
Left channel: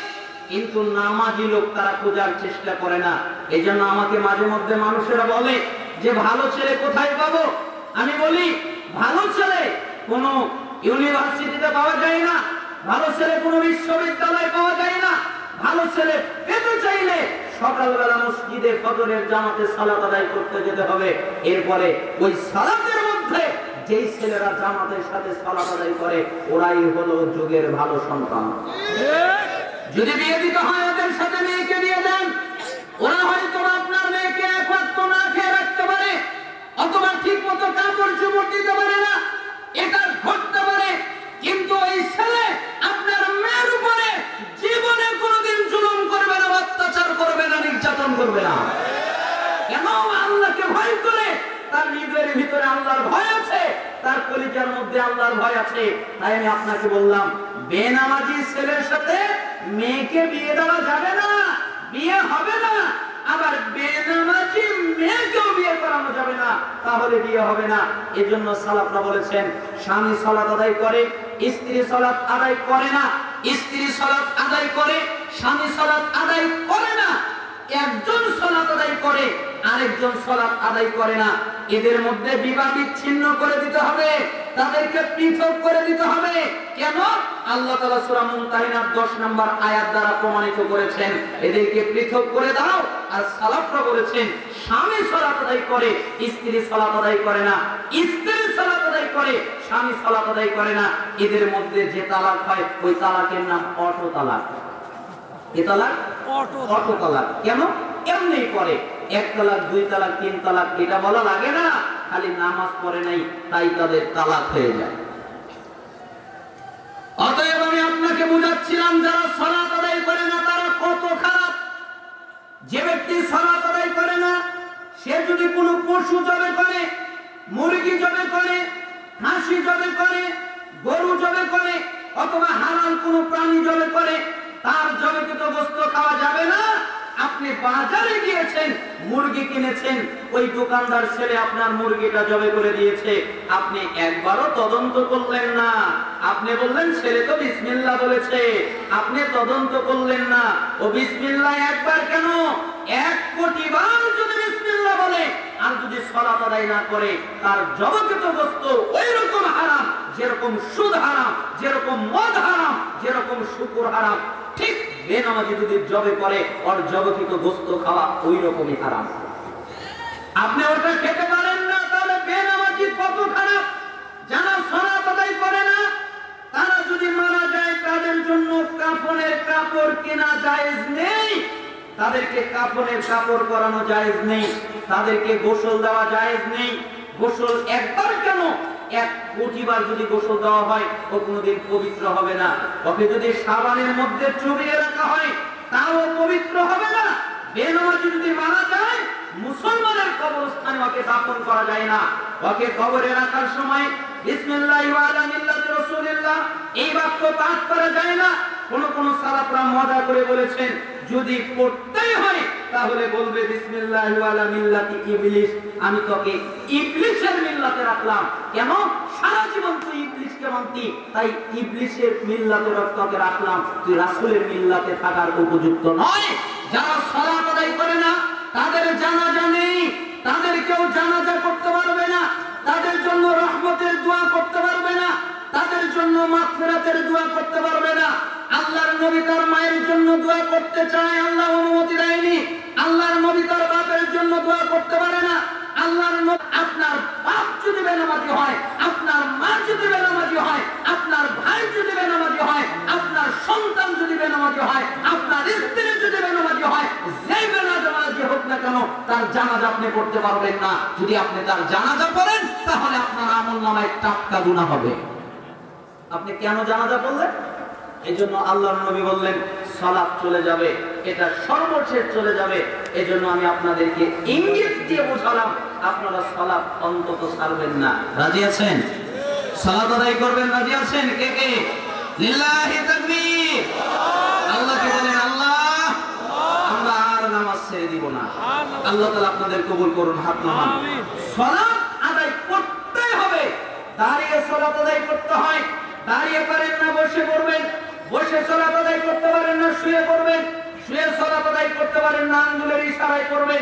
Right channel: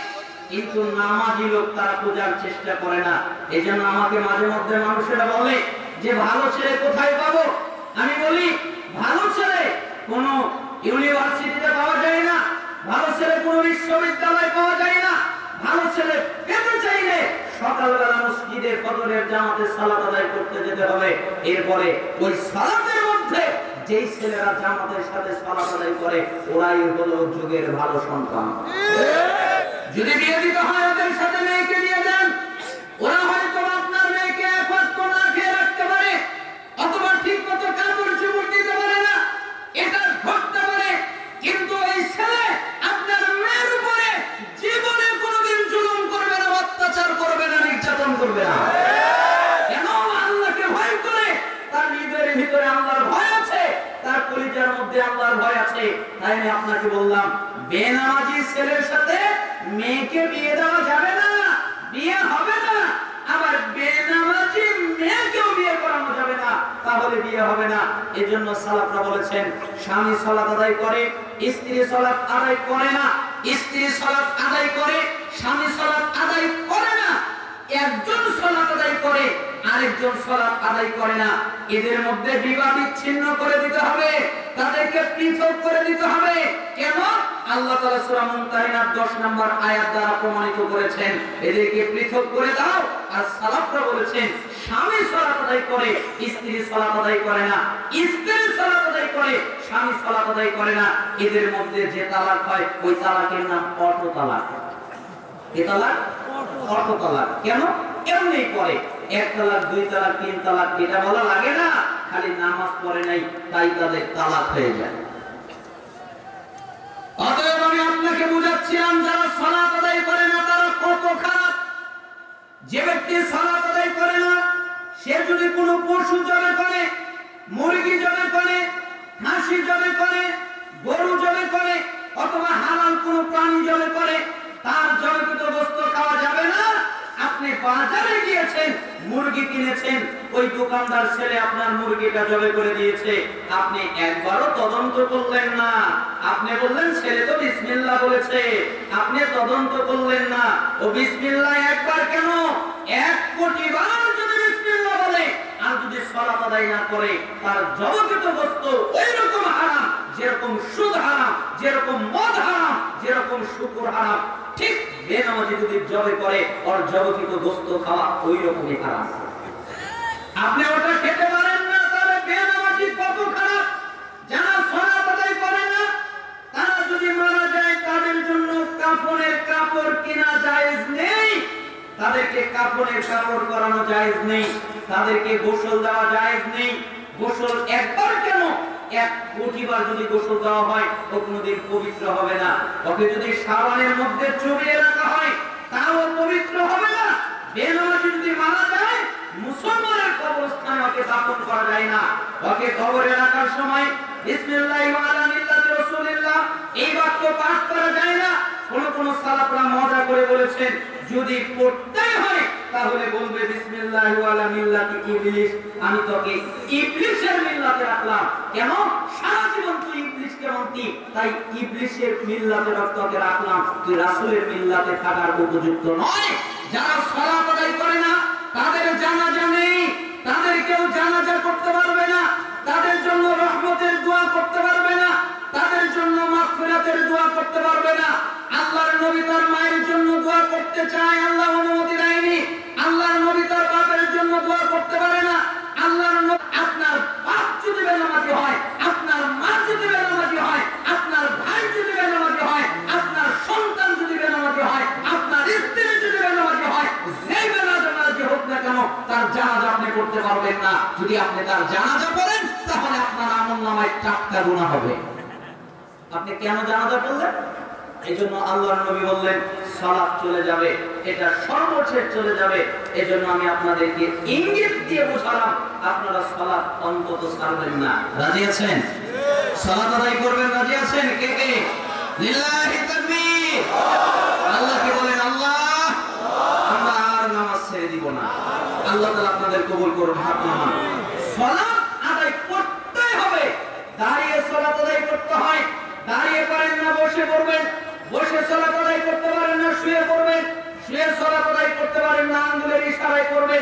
কিন্তু নামাজি লোক তারা খোঁজার চেষ্টা করে না। এই জন্য আমাকে মাঝে মধ্যে মানুষেরা বলে যে ভালো ছেলে কোথায় পাবো? আমি বলি, ভালো ছেলে কোনো ইউনিভার্সিটিতে পাওয়া যায় না, ভালো ছেলে কোনো বিশ্ববিদ্যালয়ে পাওয়া যায় না। ভালো ছেলে পেতে চাইলে সকালবেলা মসজিদে ফজরের জামাতে সালাত আদায় করতে যেতে হবে। এরপরে ওই সালাতের মধ্যে যেই ছেলেরা জামাতের সাথে সালাত আদায় করে, ওরাই হলো যুগের ভালো সন্তান। যদি বিয়ে দিতে হয় ওদের সাথে মেয়েকে বিয়ে দেন, ওরা হয়তো আপনার মেয়েকে এক ওয়াক্ত না খেয়ে রাখতে পারে, অথবা ঠিক মতো কাপড় চোপড় দিতে পারে না, এটা ঘটতে পারে। কিন্তু এই ছেলে আপনার মেয়ের উপরে জীবনে কোনোদিন জুলুম করবে না, অত্যাচার করবে না, নির্যাতন করবে না। কেন? আল্লাহকে ভয় করে। তার হৃদয়ের ভিতরে আল্লাহর ভয় আছে, তার কলিজার মধ্যে আল্লাহর ভয় আছে। তাই আমি আপনাকে বললাম, বেনামাজি ছেলের সাথে মেয়েকে বিয়ে দেওয়া যাবে না, বিয়ে হবে না। আবার বেনামাজি মেয়েকেও বিয়ে করানো যাবে না, তাহলে বিয়ে হবে না। এজন্য সালাফরা বলেছেন, স্বামী সালাত আদায় করে, স্ত্রী সালাত আদায় করে না, স্ত্রী সালাত আদায় করে, স্বামী সালাত আদায় করে না। একজন সালাত আদায় করে, আরেকজন সালাত আদায় করে না। এদের মধ্যে বিবাহ বিচ্ছিন্ন করে দিতে হবে, তাদেরকে পৃথক করে দিতে হবে। কেন? আল্লাহ তাআলা সূরা মুমতাহিনার 10 নম্বর আয়াত দ্বারা প্রমাণিত করেছেন, এদেরকে পৃথক করে দাও। আর সালাফরা বলেছেন, স্বামী সালাত আদায় করে, স্ত্রী সালাত আদায় করে না, স্ত্রী সালাত আদায় করে, স্বামী সালাত আদায় করে না। এদের মধ্যে যে তালাক হয়, ওই তালাকের নাম অটো তালাক। কি তালাক? অটো তালাক। কেন? এমনি করে, এক তালাক, দুই তালাক, তিন তালাক, এটা বলা লাগে না। খালি নামাজ পড়ে নাই, তাই তাদের তালাক হয়ে যায়। অতএব আমি আপনাকে বুঝাচ্ছিলাম, যারা সালাত আদায় করে না তারা কত খারাপ। যে ব্যক্তি সালাত আদায় করে না, সে যদি কোনো পশু জবে করে, মুরগি জবে করে, হাঁসি জবে করে, গরু জবে করে, অথবা হালাল কোনো প্রাণী জবে করে, তার জবেকৃত বস্তু খাওয়া যাবে না। আপনি বাজারে গিয়েছেন, মুরগি কিনেছেন, ওই দোকানদার ছেলে আপনার মুরগিটা জবে করে দিয়েছে, আপনি একবারও তদন্ত করলেন না। আপনি বললেন ছেলে তো বিসমিল্লাহ বলেছে, আপনি তদন্ত করলেন না। ও বিসমিল্লাহ একবার কেন, 1 কোটি বার যদি বিসমিল্লাহ বলে আর যদি সালাত আদায় না করে, তার জবকৃত বস্তু ওই রকম হারাম, যেরকম সুদ হারাম, যেরকম মদ হারাম, যেরকম শুকর হারাম, ঠিক বেনামাজি যদি জবে করে, ওর জবকৃত বস্তু খাওয়া ওই রকমই হারাম। আপনি ওটা খেতে পারেন না, তাহলে বেনামাজি কত খারাপ। যারা সালাত আদায় করে না, তারা যদি মারা যায়, তাদের জন্য কাফনের কাপড় কেনা জায়েজ নেই, তাদেরকে কাফনের কাপড় পরানো জায়েজ নেই, তাদেরকে গোসল দেওয়া জায়েজ নেই। গোসল একবার কেন, 1 কোটি বার যদি গোসল দেওয়া হয়, ও কোনোদিন পবিত্র হবে না। ওকে যদি সাবানের মধ্যে চুবিয়ে রাখা হয়, তাও পবিত্র হবে না। বেনামাজি যদি মারা যায়, মুসলমানের কবরস্থানে ওকে দাফন করা যায় না। ওকে কবরে রাখার সময় বিসমিল্লাহি ওয়া আলা মিল্লাতি রাসূলিল্লাহ এই বাক্য পাঠ করা যায় না। কোন সালাফরা মজা করে বলেছেন, যদি পড়তেই হয় তাহলে বলবে বিসমিল্লাহি ওয়া আলা মিল্লাতি ইবলিস, আমি তোকে ইবলিসের মিল্লাতে রাখলাম। কেন? সারা জীবন তুই ইবলিসকে মানতি, তাই ইবলিসের মিল্লাতে তোকে রাখলাম, তুই রাসূলের মিল্লাতে থাকার উপযুক্ত নয়। যারা সালাত আদায় করে না, তাদের জানাজা নেই, তাদের কেউ জানাজা করতে পারবে না, তাদের জন্য রহমতের দোয়া করতে পারবে না, তাদের জন্য মাগফিরাতের দোয়া করতে পারবে না। আল্লাহর নবী তার মায়ের জন্য দোয়া করতে চায়, আল্লাহ অনুমতি দেয়নি। আল্লাহর নবী তার বাপের জন্য দোয়া করতে পারে না। আল্লাহর নবী, আপনার বাপ যদি বেনামাজি হয়, আপনার মা যদি বেনামাজি হয়, আপনার ভাই যদি বেনামাজি হয়, আপনার সন্তান যদি বেনামাজি হয়, আপনার স্ত্রী যদি বেনামাজি হয়, যেই বেনামাজি হোক না কেন, তার জানাজা আপনি করতে পারবেন না। যদি আপনি তার জানাজা করেন, তাহলে আপনার আমলনামায় টাটকা গুনাহ হবে। আপনি কেন জানাজা পড়লেন? এজন্য আল্লাহর নবী বললেন সালাত চলে যাবে, এটা সর্বশেষ চলে যাবে। এজন্য আমি আপনাদেরকে ইঙ্গিত দিয়ে বোঝালাম, আপনারা সালাত অন্তত ছাড়বেন না। রাজি আছেন? সালাত আদায় করবেন, রাজি আছেন? কে কে? লিল্লাহি তাকবীর। আল্লাহকে বলেন, আল্লাহ আমরা আর নামাজ ছেড়ে দিব না। আল্লাহ তাআলা আপনাদের কবুল করুন। হাত নামান। সালাত আদায় করতেই হবে, দাঁড়িয়ে সালাত আদায় করতে হয়। দাঁড়িয়ে পারেন না, বসে করবেন। বসে সালাত আদায় করতে পারেন না, শুয়ে করবেন। শুয়ে সালাত আদায় করতে পারেন না, আঙ্গুলের ইশারায় করবেন।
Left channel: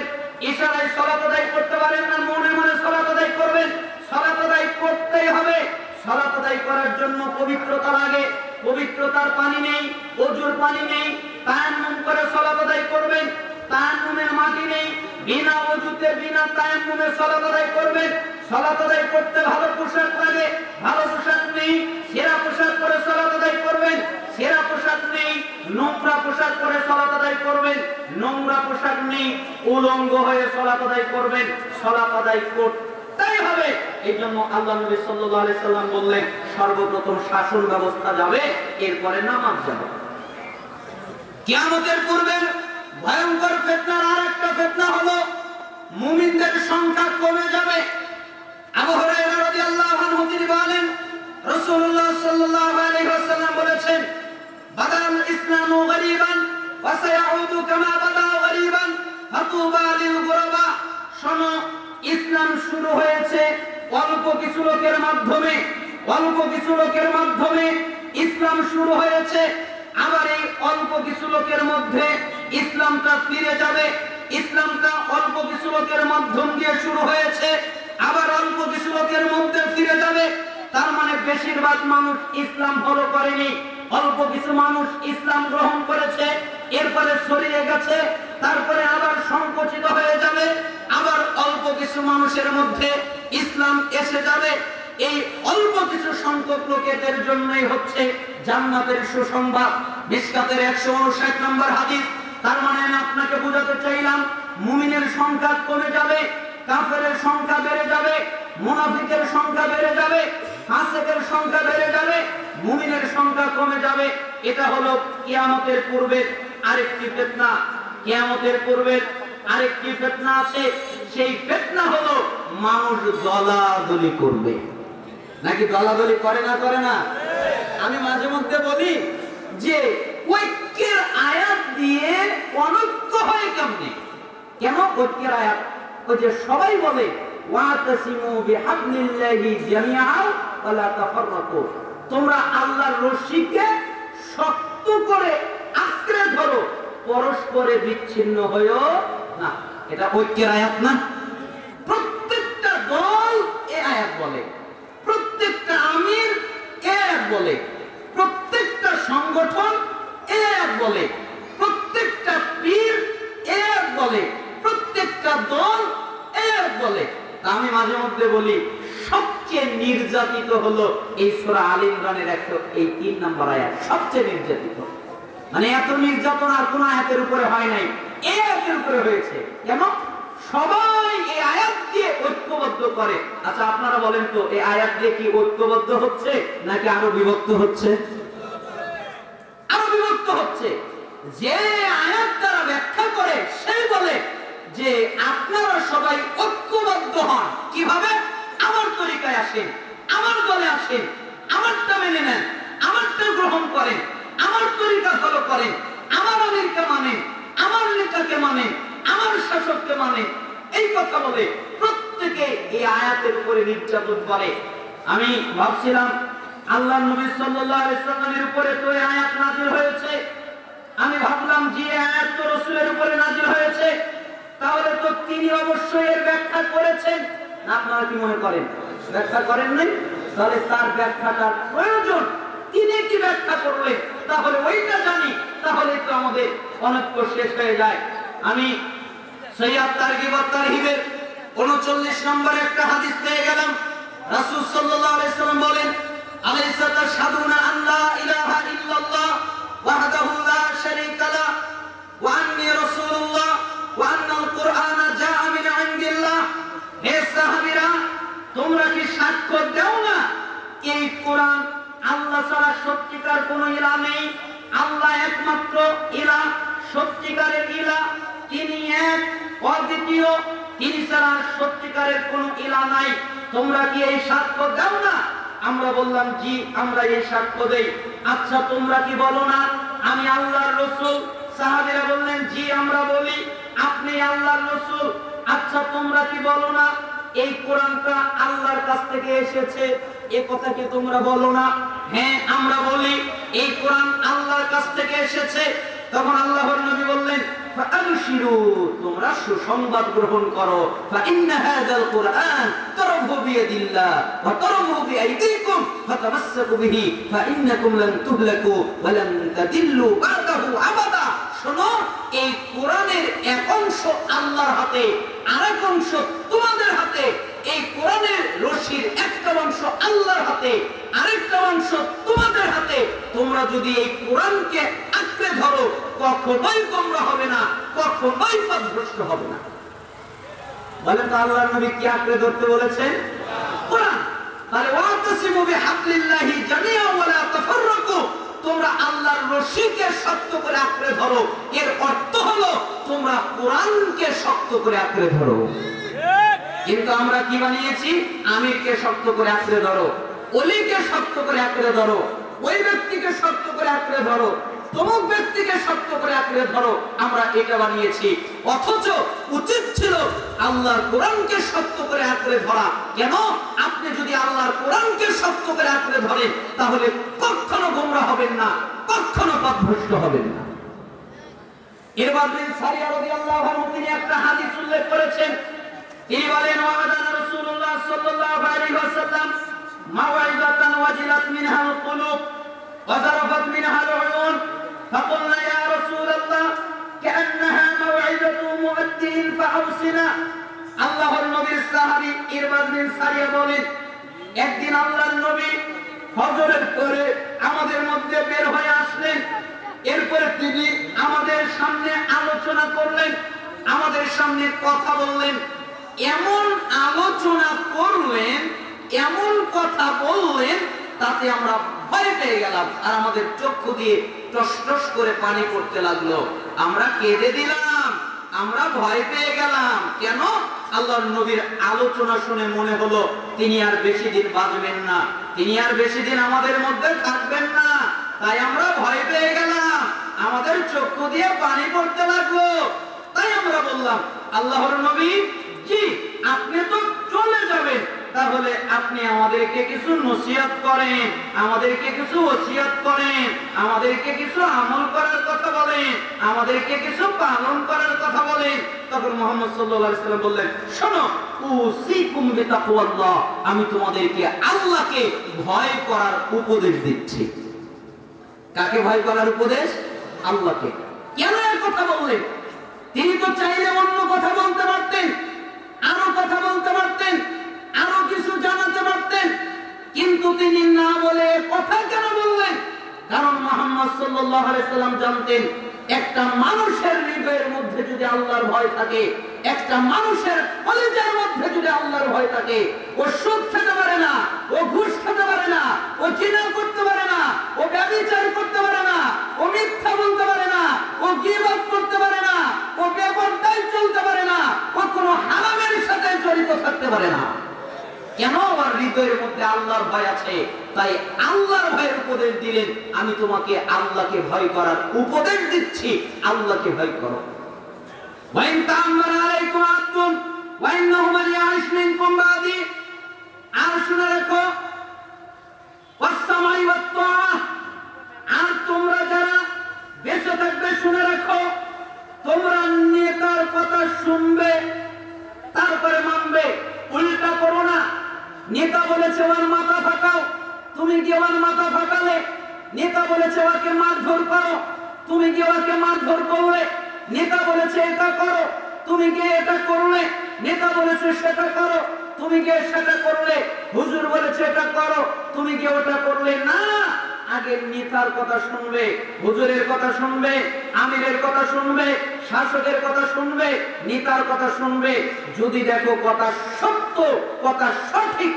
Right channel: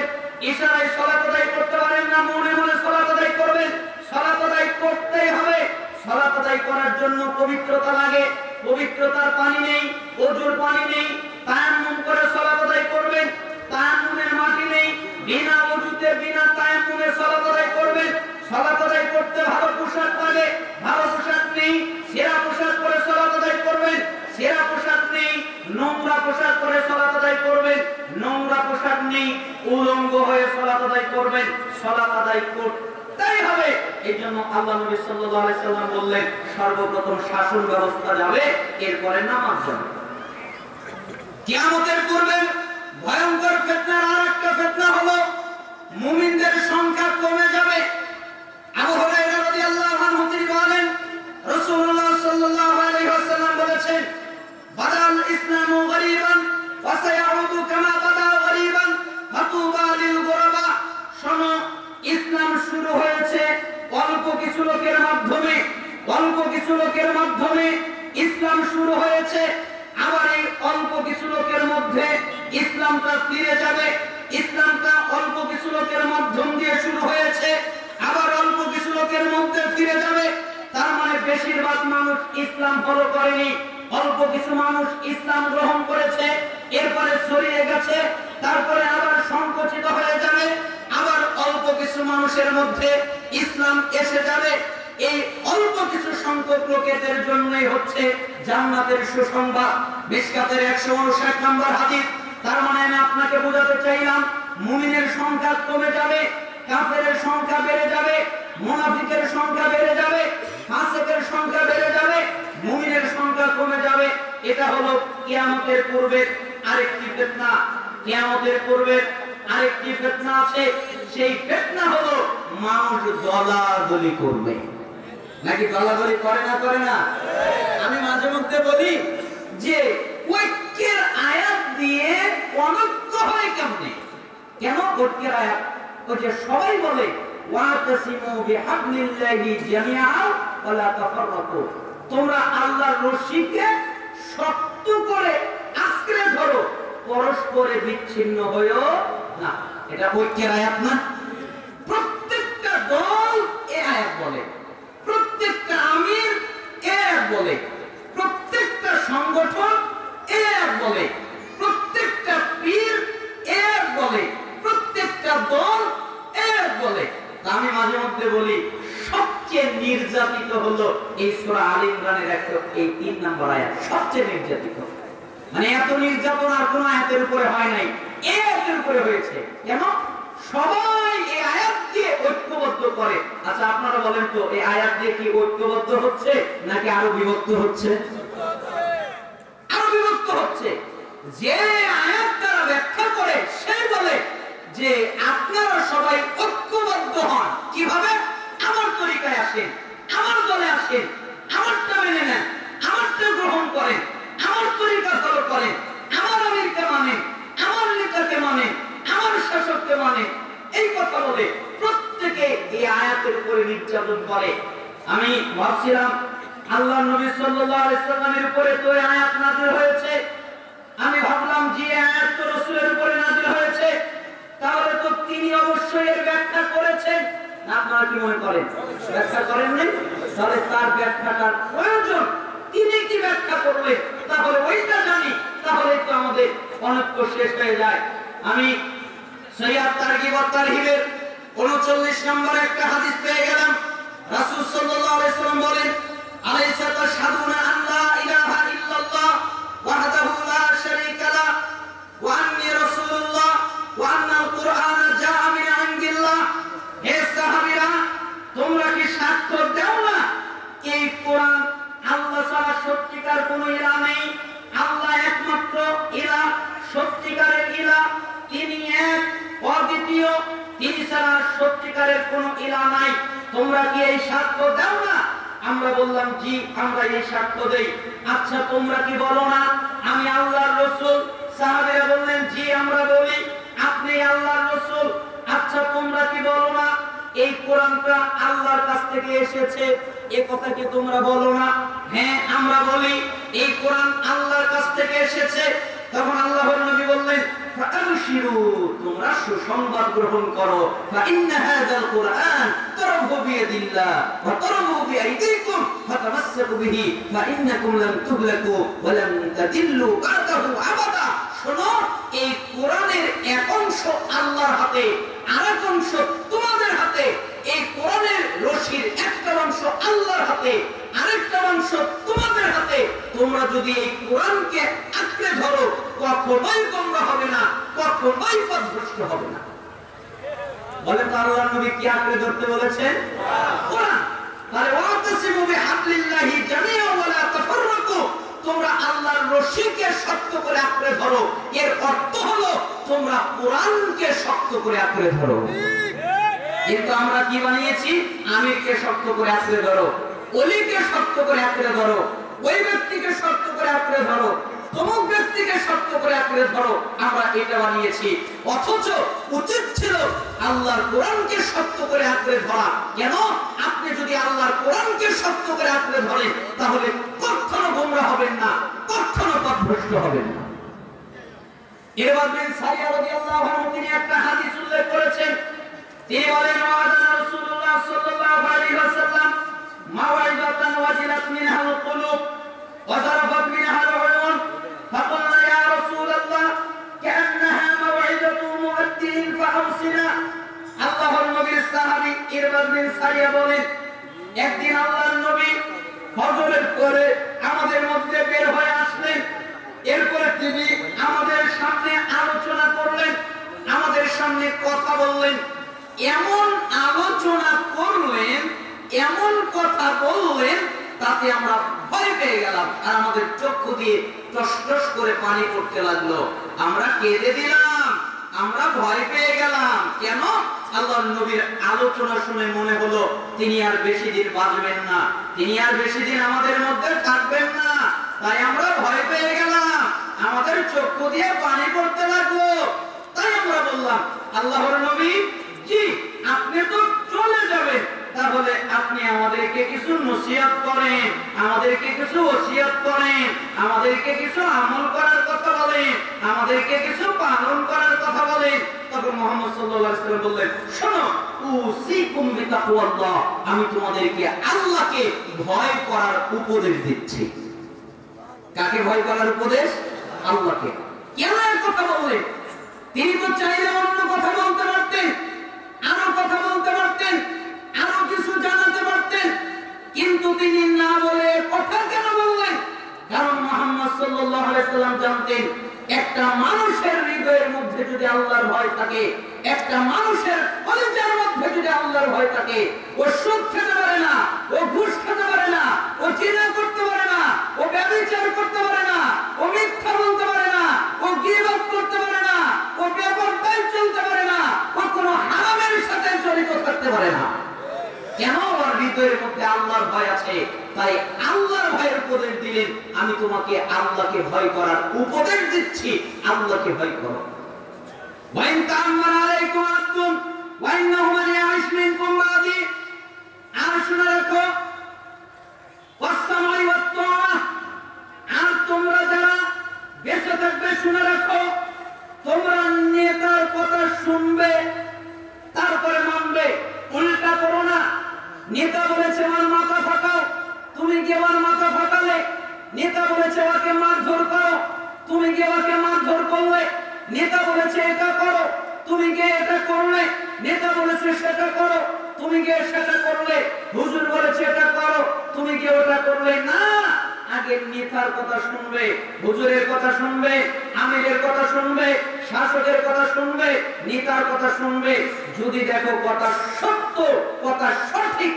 ইশারায় সালাত আদায় করতে পারেন না, মনে মনে সালাত আদায় করবেন। সালাত আদায় করতেই হবে। সালাত আদায় করার জন্য পবিত্রতা লাগে, পবিত্রতার পানি নেই, ওযুর পানি নেই, তায়াম্মুম করে সালাত আদায় করবেন। তায়াম্মুমের মাটি নেই, বিনা ওযুতে বিনা তায়াম্মুমে সালাত আদায় করবেন। সালাত আদায় করতে ভালো পোশাক লাগে, ভালো পোশাক নেই, সেরা পোশাক পরে সালাত আদায় করবেন। সেরা পোশাক নেই, নোংরা পোশাক পরে সালাত আদায় করবেন। নোংরা পোশাক নেই, উলঙ্গ হয়ে সালাত আদায় করবেন। সালাত আদায় করতেই হবে। এইজন্য আল্লাহ নবী সাল্লাল্লাহু আলাইহি সাল্লাম বললেন, সর্বপ্রথম শাসন ব্যবস্থা যাবে, এরপরে নামাজ যাবে। কিয়ামতের পূর্বে ভয়ঙ্কর ফিতনার আরেকটা ফিতনা হলো মুমিনদের সংখ্যা কমে যাবে। আবু হুরায়রা রাদিয়াল্লাহু আনহু তিনি বলেন, রাসূলুল্লাহ সাল্লাল্লাহু আলাইহি ওয়াসাল্লাম বলেছেন, বাদাল ইসলামু গরীবান ওয়া সায়াউদু কামা বাদা গরীবান ফাতুবা লিল গুরাবা। শোনো, ইসলাম শুরু হয়েছে অল্প কিছু লোকের মাধ্যমে, অল্প কিছু লোকের মাধ্যমে ইসলাম শুরু হয়েছে। আবার এই অল্প কিছু লোকের মধ্যে ইসলামটা ফিরে যাবে। ইসলামটা অল্প কিছু লোকের মাধ্যম দিয়ে শুরু হয়েছে, আবার অল্প কিছু লোকের মধ্যে ফিরে যাবে। তার মানে বেশিরভাগ মানুষ ইসলাম ফলো করেনি, অল্প কিছু মানুষ ইসলাম গ্রহণ করেছে, এরপরে ছড়িয়ে গেছে, তারপরে আবার সংকুচিত হয়ে যাবে, আবার অল্প কিছু মানুষের মধ্যে ইসলাম এসে যাবে। এই অল্প কিছু সংখ্যক লোকেদের জন্যই হচ্ছে জান্নাতের সুসংবাদ। মিশকাতের 159 নম্বর হাদিস। তার মানে আমি আপনাকে বোঝাতে চাইলাম, মুমিনের সংখ্যা কমে যাবে, কাফেরের সংখ্যা বেড়ে যাবে, মুনাফিকের সংখ্যা বেড়ে যাবে, ফাসিকের সংখ্যা বেড়ে যাবে, মুমিনের সংখ্যা কমে যাবে। এটা হলো কিয়ামতের পূর্বে আরেকটি ফিতনা। কিয়ামতের পূর্বে আরেকটি ফিতনা আছে, সেই ফিতনা হলো মানুষ দলাদলি করবে। নাকি দলাদলি করে না? করে না? আমি মাঝে মধ্যে বলি যে ঐক্যের আয়াত দিয়ে অনৈক্য হয় কেমনে? কেন ঐক্যের আয়াত? ওই যে সবাই বলে ওয়াতাসিমু বিহাবলিল্লাহি জামিআন ওয়া লা তাফাররাকু, তোমরা আল্লাহর রশিকে শক্ত করে আঁকড়ে ধরো, পরস্পরে বিচ্ছিন্ন হয়ো না। এটা ঐক্যের আয়াত না? প্রত্যেকটা দল এই আয়াত বলে, প্রত্যেকটা আমির এই আয়াত বলে, প্রত্যেকটা সংগঠন এই আয়াত বলে, প্রত্যেকটা পীর এই আয়াত বলে, প্রত্যেকটা দল এই আয়াত বলে। তা আমি মাঝে মধ্যে বলি সবচেয়ে নির্যাতিত হলো এই সূরা আলে ইমরানের 103 নম্বর আয়াত, সবচেয়ে নির্যাতিত। মানে এত নির্যাতন আর কোন আয়াতের উপরে হয় নাই, এই আয়াতের উপরে হয়েছে। কেন? সবাই এই আয়াত দিয়ে ঐক্যবদ্ধ করে। আচ্ছা আপনারা বলেন তো, এই আয়াত দিয়ে কি ঐক্যবদ্ধ হচ্ছে নাকি আরো বিভক্ত হচ্ছে? আরো বিভক্ত হচ্ছে। যে আয়াত দ্বারা ব্যাখ্যা করে সে বলে যে আপনারা সবাই ঐক্যবদ্ধ হন। কিভাবে? আমার তরিকায় আসেন, আমার দলে আসেন, আমারটা মেনে নেন, আমারটা গ্রহণ করেন, আমার তরিকা ফলো করেন, আমার আমিরকে মানেন, আমার নেতাকে মানেন, আমার শাসককে মানেন। এই কথা বলে প্রত্যেকে এই আয়াতের উপরে নির্যাতন করে। আমি ভাবছিলাম আল্লাহর নবী সাল্লাল্লাহু আলাইহি ওয়াসাল্লামের উপরে তো এই আয়াত নাযিল হয়েছে। আমি ভাবলাম যে আয়াত তো রাসূলের উপরে নাযিল হয়েছে, তাহলে তো তিনি অবশ্যই এর ব্যাখ্যা করেছেন। না আপনারা কি মনে করেন ব্যাখ্যা করেননি? তাহলে তার ব্যাখ্যাটার প্রয়োজন, তিনি কি ব্যাখ্যা করলেন তাহলে ওইটা জানি, তাহলে তো আমাদের অনৈক্য শেষ হয়ে যায়। আমি সহিহ তারগিব ওয়া তারহিবের 39 নম্বর একটা হাদিস পেয়ে গেলাম। রাসূল সাল্লাল্লাহু আলাইহি ওয়াসাল্লাম বলেন, আলাইসা তাশহাদুনা আল্লা ইলাহা ইল্লাল্লাহ ওয়াহদাহু লা শারীকা লা ওয়া আন্নী রাসূলুল্লাহ ওয়া আন্নাল কুরআনা জাআ মিন ইনদিল্লাহ। হে সাহাবীরা, তোমরা কি সাক্ষ্য দাও না এই কোরআন আল্লাহ ছাড়া সত্যিকার কোনো ইলাহ নেই, আল্লাহ একমাত্র ইলাহ, সত্যিকারের ইলাহ, তিনি এক, অদ্বিতীয়, তিনি ছাড়া সত্যিকারের কোনো ইলাহ নাই। তোমরা কি এই সাক্ষ্য দাও না? আমরা বললাম জি, আমরা এই সাক্ষ্য দেই। আচ্ছা তোমরা কি বলো না আমি আল্লাহর রাসূল? সাহাবীরা বললেন জি আমরা বলি। আপনি আল্লাহর রাসূল, আচ্ছা তোমরা কি বলো না এই কোরআনটা আল্লাহর কাছ থেকে এসেছে? এই কথা কি তোমরা বলো না? হ্যাঁ আমরা বলি এই কোরআন আল্লাহর কাছ থেকে এসেছে। তখন আল্লাহর নবী বললেন, ফাআবশিরু, তোমরা সুসংবাদ গ্রহণ করো। ফাইন্না হাযাল কুরআন তারাফু বিয়াদিল্লাহ ওয়া তারাফু বিআইদিকুম ফাতামাসসাকু বিহি ফাইন্নাকুম লান তুহলাকু ওয়া লান তাদিল্লু বা'দাহু আবাদা। শোনো, এই কোরআনের এক অংশ আল্লাহর হাতে, আরেক অংশ তোমাদের হাতে। এই কোরআনের রশির একটা অংশ আল্লাহর হাতে, আরেকটা অংশ তোমাদের হাতে। তোমরা যদি এই কোরআনকে আঁকড়ে ধরো, কখনোই গোমরা হবে না, কখনোই পথভ্রষ্ট হবে না। বলেন তো আল্লাহর নবী কি আঁকড়ে ধরতে বলেছেন? কোরআন। তাহলে ওয়াতাসিমু বিহাবলিল্লাহি জামিআন ওয়া লা তাফাররাকু, তোমরা আল্লাহর রশিকে শক্ত করে আঁকড়ে ধরো। এর অর্থ হলো তোমরা কোরআনকে শক্ত করে আঁকড়ে ধরো। কিন্তু আমরা কি বানিয়েছি? আমিরকে শক্ত করে আঁকড়ে ধরো, ওলিকে শক্ত করে আঁকড়ে ধরো, ওই ব্যক্তিকে শক্ত করে আঁকড়ে ধরো, তমুক ব্যক্তিকে শক্ত করে আঁকড়ে ধরো। আমরা এটা বানিয়েছি। অথচ উচিত ছিল আল্লাহর কোরআনকে শক্ত করে আঁকড়ে ধরা। কেন? আপনি যদি আল্লাহর কোরআনকে শক্ত করে আঁকড়ে ধরেন তাহলে কখনো গোমরা হবেন না, কখনো পথভ্রষ্ট হবেন না। ইরবাদ বিন সারিয়া রাদিয়াল্লাহু আনহু তিনি একটা হাদিস উল্লেখ করেছেন। তিনি বলেন, ওয়াদানা রাসূলুল্লাহ সাল্লাল্লাহু আলাইহি ওয়াসাল্লাম মাওয়াইদাতান ওয়াজিলাত মিনহাল কুলুব ওয়া যারাফাত মিনহাল উয়ুন ফাকুলনা ইয়া রাসূলুল্লাহ কান্নাহা মাওয়াইদাতু মুআদ্দিন ফাআউসিনা। আল্লাহর নবীর সাহাবী ইরবাদ বিন সারিয়া বলেন, একদিন আল্লাহর নবী ফজরের পরে আমাদের মধ্যে বের হয়ে আসলেন। এরপরে তিনি আমাদের সামনে আলোচনা করলেন, আমাদের সামনে কথা বললেন। এমন আলোচনা করলেন, এমন কথা বললেন, তাতে আমরা ভয় পেয়ে গেলাম আর আমাদের চক্ষু দিয়ে টস টস করে পানি পড়তে লাগলো। আমরা কেঁদে দিলাম, আমরা ভয় পেয়ে গেলাম। কেন? আল্লাহর নবীর আলোচনা শুনে মনে হলো তিনি আর বেশি দিন বাঁচবেন না, তিনি আর বেশি দিন আমাদের মধ্যে থাকবেন না। তাই আমরা ভয় পেয়ে গেলাম, আমাদের চক্ষু দিয়ে পানি পড়তে লাগলো। তাই আমরা বললাম, আল্লাহর নবী জি আপনি তো চলে যাবেন, তাহলে আপনি আমাদেরকে কিছু নসিহত করেন, আমাদেরকে কিছু ওসিয়ত করেন, আমাদেরকে কিছু আমল করার কথা বলেন, আমাদেরকে কিছু পালন করার কথা বলেন। তখন মুহাম্মদ সাল্লাল্লাহু আলাইহি ওয়াসাল্লাম বললেন, শোনো, উসিকুম বিতাকওয়াল্লাহ, আমি তোমাদেরকে আল্লাহকে ভয় করার উপদেশ দিচ্ছি। কাকে ভয় করার উপদেশ? আল্লাহকে। কেন এই কথা বললেন? তিনি তো চাইলে অন্য কথা বলতে পারতেন, আরো কথা বলতে পারতেন, আরো কিছু জানাতে পারতেন, কিন্তু তিনি না বলে কথা কেন বললেন? কারণ মুহাম্মদ সাল্লাল্লাহু আলাইহি ওয়াসাল্লাম জানতেন, একটা মানুষের হৃদয়ের মধ্যে যদি আল্লাহর ভয় থাকে, একটা মানুষের কলিজার মধ্যে যদি আল্লাহর ভয় থাকে, ও সুদ খেতে পারে না, ও ঘুষ খেতে পারে না, ও জিনা করতে পারে না, ও ব্যভিচার করতে পারে না, ও মিথ্যা বলতে পারে না, ও গীবত করতে পারে না, ও বেপরদায় চলতে পারে না, ও কোনো হারামের সাথে জড়িত থাকতে পারে না। কেন? ওর হৃদয়ের মধ্যে আল্লাহর ভয় আছে। তাই আল্লাহর ভয়ের উপদেশ দিলেন, আমি তোমাকে আল্লাহকে ভয় করার উপদেশ দিচ্ছি, আল্লাহকে ভয় করো। ওয়াইন তা'আম্মারা আলাইকুম আবদুন ওয়া ইন্নাহু মান ইয়া'iশ মিনকুম বা'দি, আর শুনে রাখো, ওয়াস-সামা'i ওয়াত-তাআ, আর তোমরা যারা বেঁচে থাকবে শুনে রাখো, তোমরা নেতার কথা শুনবে তারপরে মানবে, উল্টা করো না। নেতা বলেছে আমার মাথা ফাটাও, তুমি গিয়ে আমার মাথা ফাটালে। নেতা বলেছে ওকে মারধর করো, তুমি গিয়ে ওকে মারধর করলে। নেতা বলেছে এটা করো, তুমি গিয়ে এটা করলে। নেতা বলেছে সেটা করো, তুমি গিয়ে সেটা করলে। হুজুর বলেছে এটা করো, তুমি গিয়ে ওটা করলে না। আগে নেতার কথা শুনবে, হুজুরের কথা শুনবে, আমিরের কথা শুনবে, শাসকের কথা শুনবে, নেতার কথা শুনবে। যদি দেখো কথা সত্য, কথা সঠিক,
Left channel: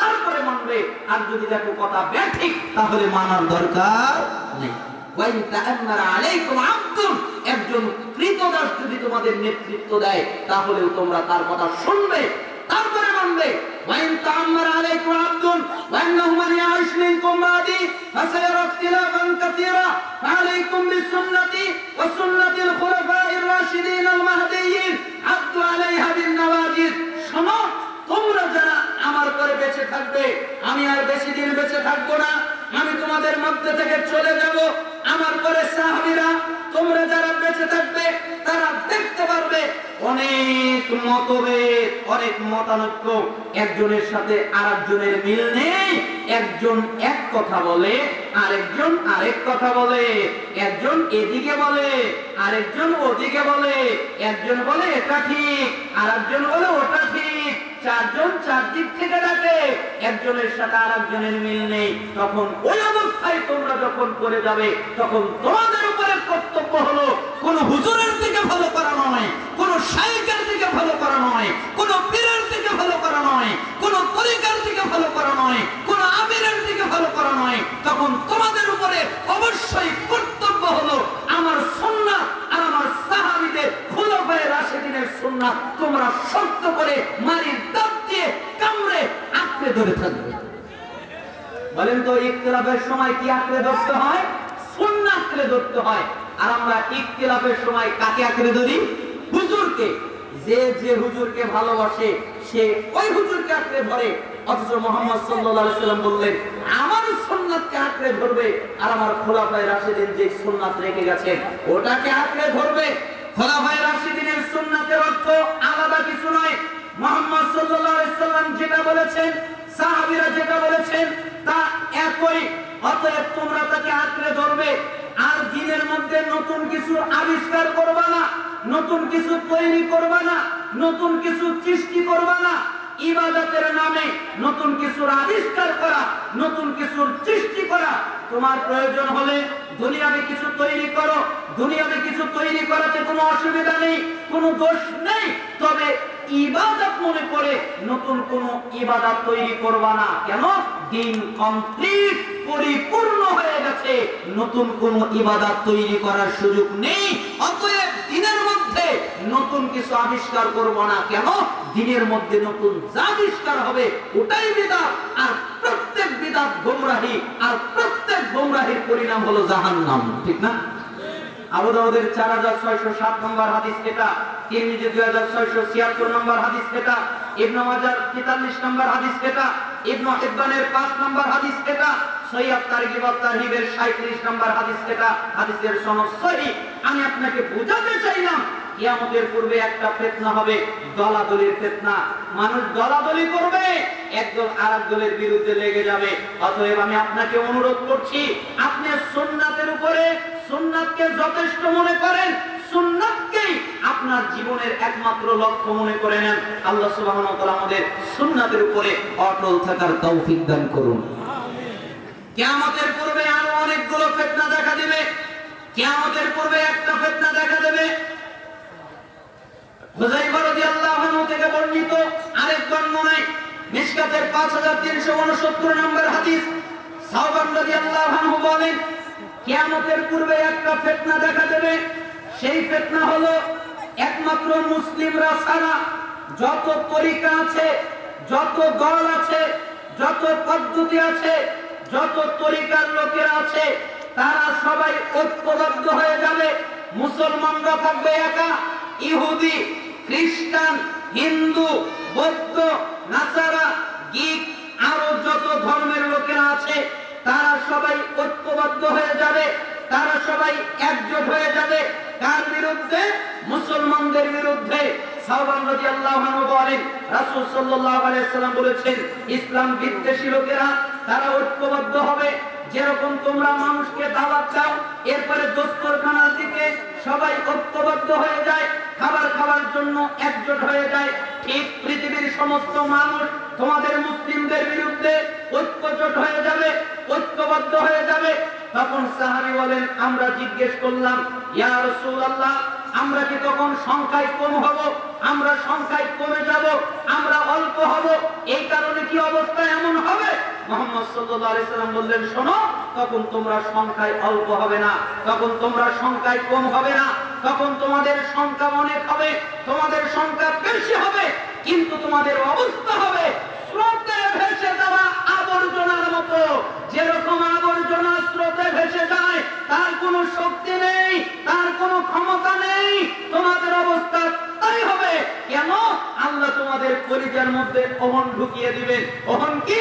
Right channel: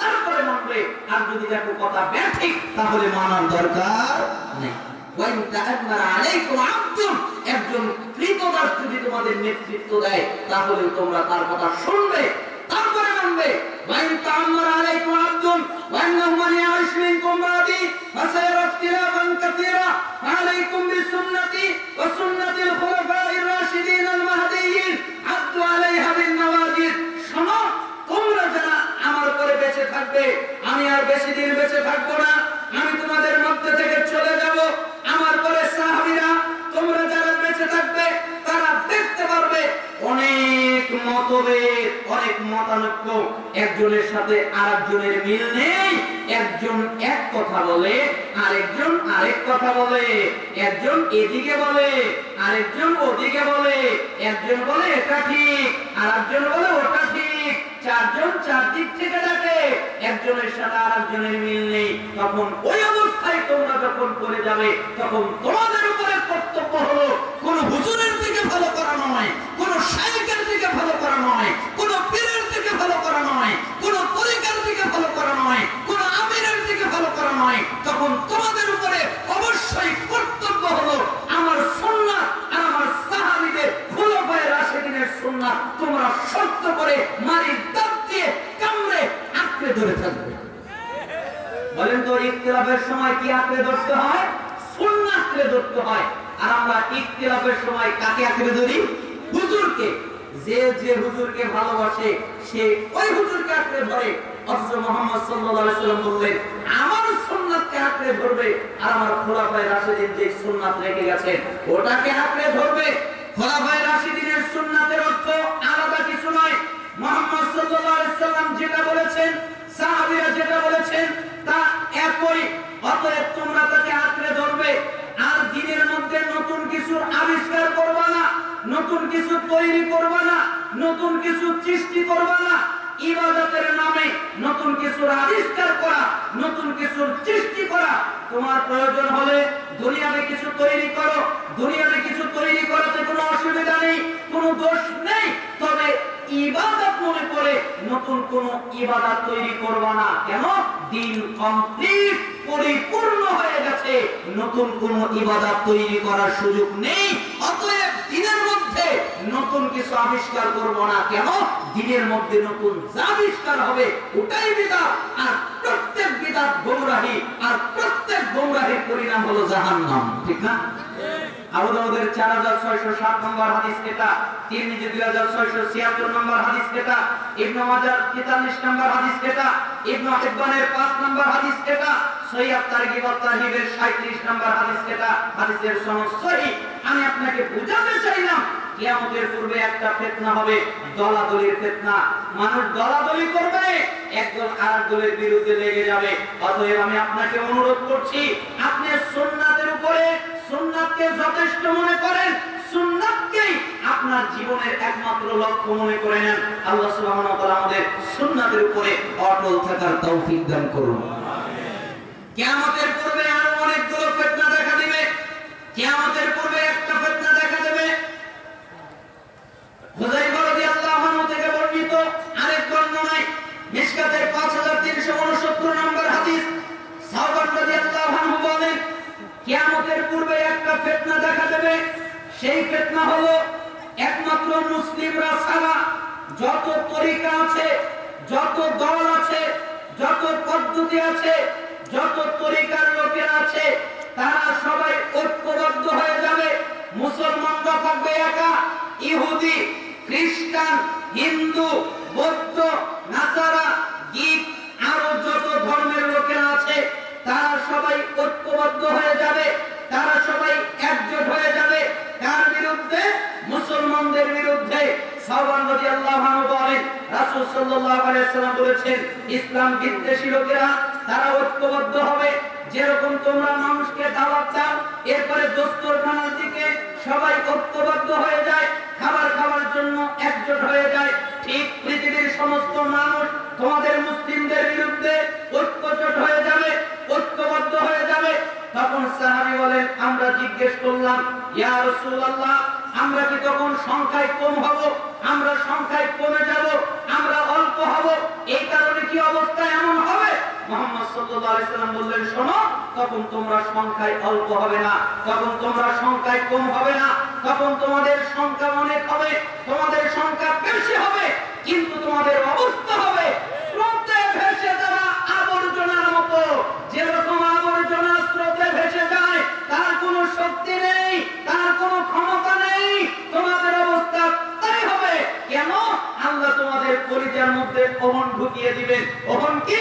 তারপরে মানবে। আর যদি দেখো কথা ব্যাঠিক, তাহলে মানার দরকার নেই। ওয়াইন তা'আম্মারা আলাইকুম আবদুন, একজন কৃতদাস যদি তোমাদের নেতৃত্ব দেয়, তাহলে তোমরা তার কথা শুনবে, তারপরে মানবে। ওয়াইন তা'আম্মারা আলাইকুম আবদুন ওয়া ইন্নাহু মান ইয়া'iশ মিনকুম বা'দি ফাসায়ারা ইখতিলাফান কাসীরা ফা'আলাইকুম বিসুন্নতি ওয়া সুন্নাতিল খুলাফা'iর রাশিদিন আল মাহদিয়্যিন আদু আলাইহা বিন নাওয়াজিদ। শোনো, তোমরা যারা আমার পরে বেঁচে থাকবে, আমি আর বেশি দিন বেঁচে থাকবো না, আমি তোমাদের মধ্যে থেকে চলে যাব। আমার পরে সাহাবীরা, তোমরা যারা বেঁচে থাকবে, তারা দেখতে পারবে অনেক মতভেদ, অনেক মতানৈক্য, একজনের সাথে আরেকজনের মিল নেই। একজন এক কথা বলে, আরেকজন আরেক কথা বলে, একজন এদিকে বলে, আরেকজন ওদিকে বলে, একজন বলে এটা ঠিক, আরেকজন বলে ওটা ঠিক, চারজন চারদিক থেকে ডাকে, একজনের সাথে আরেকজনের মিল নেই। তখন ওই অবস্থায় তোমরা যখন পড়ে যাবে, তখন তোমাদের উপরে কর্তব্য হলো কোন হুজুরের দিকে ভালো করা নয়, কোন শাইখের দিকে ভালো করা নয়, কোন পীরের দিকে ভালো করা নয়, কোন তরিকার দিকে ভালো করা নয়, কোন আমিরের দিকে ভালো করা নয়। তখন তোমাদের উপরে অবশ্যই কর্তব্য হলো আমার সুন্নাত আর আমার সাহাবীদের খুলাফায়ে রাশিদিনের সুন্নাত তোমরা শক্ত করে মারির দাঁত দিয়ে কামড়ে আঁকড়ে ধরে থাকবে। বলেন তো, ইখতিলাফের সময় কি আঁকড়ে ধরতে হয়? সুন্নাত আঁকড়ে ধরতে হয়। আর আমরা ইখতিলাফের সময় কাকে আঁকড়ে ধরি? হুজুরকে। যে যে হুজুরকে ভালোবাসে সে ওই হুজুরকে আঁকড়ে ধরে, অথচ মুহাম্মদ সাল্লাল্লাহু আলাইহি সাল্লাম বললেন আমার সুন্নাতকে আঁকড়ে ধরবে আর আমার খোলাফায়ে রাশিদিন যে সুন্নাত রেখে গেছেন ওটাকে আঁকড়ে ধরবে। খোলাফায়ে রাশিদিনের সুন্নাতের অর্থ আলাদা কিছু নয়। মুহাম্মদ সাল্লাল্লাহু আলাইহি সাল্লাম যেটা বলেছেন, সাহাবীরা যেটা বলেছেন তা একই। অতএব তোমরা তাকে আঁকড়ে ধরবে আর দ্বীনের মধ্যে নতুন কিছু আবিষ্কার করবা না, নতুন কিছু তৈরি করবা না, নতুন কিছু সৃষ্টি করবা না। ইবাদতের নামে নতুন কিছুর আবিষ্কার করা, নতুন কিছুর সৃষ্টি করা, তোমার প্রয়োজন হলে দুনিয়াতে কিছু তৈরি করো, দুনিয়াতে কিছু তৈরি করাতে কোনো অসুবিধা নেই, কোনো দোষ নেই। তবে ইবাদত মনে করে নতুন কোন ইবাদত তৈরি করবা না। কেন? দ্বীন কমপ্লিট, পরিপূর্ণ হয়ে গেছে, নতুন কোন ইবাদত তৈরি করার সুযোগ নেই। অতএব দ্বীনের মধ্যে নতুন কিছু আবিষ্কার করব না। কেন? দ্বীনের মধ্যে নতুন যা আবিষ্কার হবে ওটাই বিদআত, আর প্রত্যেক বিদআত গোমরাহি, আর প্রত্যেক গোমরাহির পরিণাম হলো জাহান্নাম। ঠিক না? আবু দাউদের 4607 নম্বর হাদিস এটা, তিরমিজি 2676 নম্বর হাদিস এটা, ইবনে মাজাহ 43 নম্বর হাদিস এটা, ইবনে হিব্বানের 5 নম্বর হাদিস এটা, সহিহ তারগিব ওয়া তারহিবের 37 নম্বর হাদিস এটা। হাদিসের সনদ সহিহ। আমি আপনাকে বুঝাতে চাইলাম কিয়ামতের পূর্বে একটা ফিতনা হবে, দলাদলির ফিতনা। মানুষ দলাদলি করবে, একদল আরেক দলের বিরুদ্ধে লেগে যাবে। অতএব আমি আপনাকে অনুরোধ করছি, আপনি সুন্নাতের উপরে, সুন্নাতকে যথেষ্ট মনে করেন, সুন্নাতকেই আপনার জীবনের একমাত্র লক্ষ্য মনে করে নেন। আল্লাহ সুবহানাহু ওয়া তাআলা আমাদের সুন্নাতের উপরে অটল থাকার তৌফিক দান করুন। কিয়ামতের পূর্বে আরো অনেকগুলো ফিতনা দেখা দিবে। কিয়ামতের পূর্বে একটা ফিতনা দেখা দেবে। হুযায়ফা রাদিয়াল্লাহু আনহু থেকে বর্ণিত আরেক বর্ণনায় মিশকাতের 5369 নম্বর হাদিস, সাওবান রাদিয়াল্লাহু আনহু বলেন কিয়ামতের পূর্বে একটা ফিতনা দেখা দেবে। সেই ফিতনা হলো একমাত্র মুসলিমরা ছাড়া যত তরিকা আছে, যত দল আছে, যত পদ্ধতি আছে, যত তরিকার লোকেরা আছে, তারা সবাই ঐক্যবদ্ধ হয়ে যাবে। মুসলমানরা থাকবে একা, ইহুদি, খ্রিস্টান, হিন্দু, বৌদ্ধ, নাসারা, গ্রিক, আরো যত ধর্মের লোকেরা আছে তারা সবাই ঐক্যবদ্ধ হয়ে যাবে, তারা সবাই একজোট হয়ে যাবে। কার বিরুদ্ধে? মুসলমানদের বিরুদ্ধে। সাওবান রাদিয়াল্লাহু আনহু বলেন রাসূল সাল্লাল্লাহু আলাইহি ওয়াসাল্লাম বলেছেন ইসলাম বিদ্বেষী লোকেরা তারা ঐক্যবদ্ধ হবে। যেরকম তোমরা মানুষকে দাওয়াত দাও, এরপরে দস্তরখানার দিকে সবাই ঐক্যবদ্ধ হয়ে যায়, খাবার খাওয়ার জন্য একজোট হয়ে যায়, ঠিক পৃথিবীর সমস্ত মানুষ তোমাদের মুসলিমদের বিরুদ্ধে ঐক্যজোট হয়ে যাবে, ঐক্যবদ্ধ হয়ে যাবে। তখন সাহাবী বলেন আমরা জিজ্ঞেস করলাম ইয়া রাসূলুল্লাহ, আমরা কি তখন সংখ্যায় কম হব? আমরা সংখ্যায় কমে যাব? আমরা অল্প হব? এই কারণে কি অবস্থা এমন হবে? মুহাম্মদ সাল্লাল্লাহু আলাইহি সাল্লাম বললেন শোনো, তখন তোমরা সংখ্যায় অল্প হবে না, তখন তোমরা সংখ্যায় কম হবে না, তখন তোমাদের সংখ্যা অনেক হবে, তোমাদের সংখ্যা বেশি হবে, কিন্তু তোমাদের অবস্থা হবে স্রোতে ভেসে যাওয়া আবর্জনার মতো। যেরকম আবর্জনা স্রোতে ভেসে যায়, তার কোনো শক্তি নেই, তার কোনো ক্ষমতা নেই, তোমাদের অবস্থা তাই হবে। কেন? আল্লাহ তোমাদের কলিজার মধ্যে ওহন ঢুকিয়ে দিবেন। ওহন কি?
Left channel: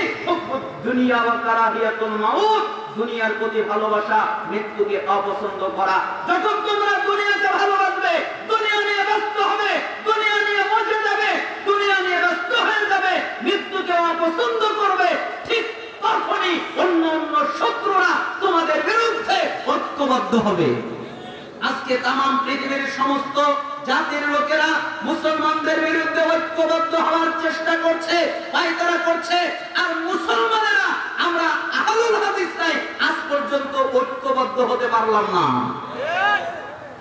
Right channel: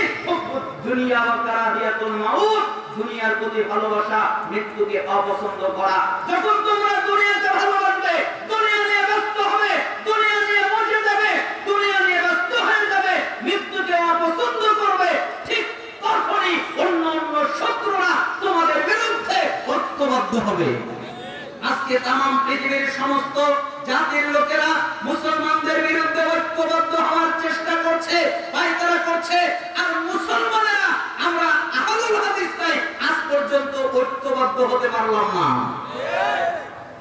দুনিয়া ওয়া কারাহিয়াতুল মাউত, দুনিয়ার প্রতি ভালোবাসা, মৃত্যুকে অপছন্দ করা। যখন তোমরা দুনিয়াকে ভালোবাসবে, দুনিয়া নিয়ে ব্যস্ত হবে, দুনিয়া নিয়ে মজে যাবে, দুনিয়া নিয়ে ব্যস্ত হয়ে যাবে, মৃত্যুকে অপছন্দ করবে, ঠিক তখনই অন্য অন্য শত্রুরা তোমাদের বিরুদ্ধে ঐক্যবদ্ধ হবে। আজকে তামাম পৃথিবীর সমস্ত জাতির লোকেরা মুসলমানদের বিরুদ্ধে ঐক্যবদ্ধ হওয়ার চেষ্টা করছে, পায়তারা করছে, আর মুসলমানেরা আমরা আহলুল হাদিস নাই আজ পর্যন্ত ঐক্যবদ্ধ হতে পারলাম না।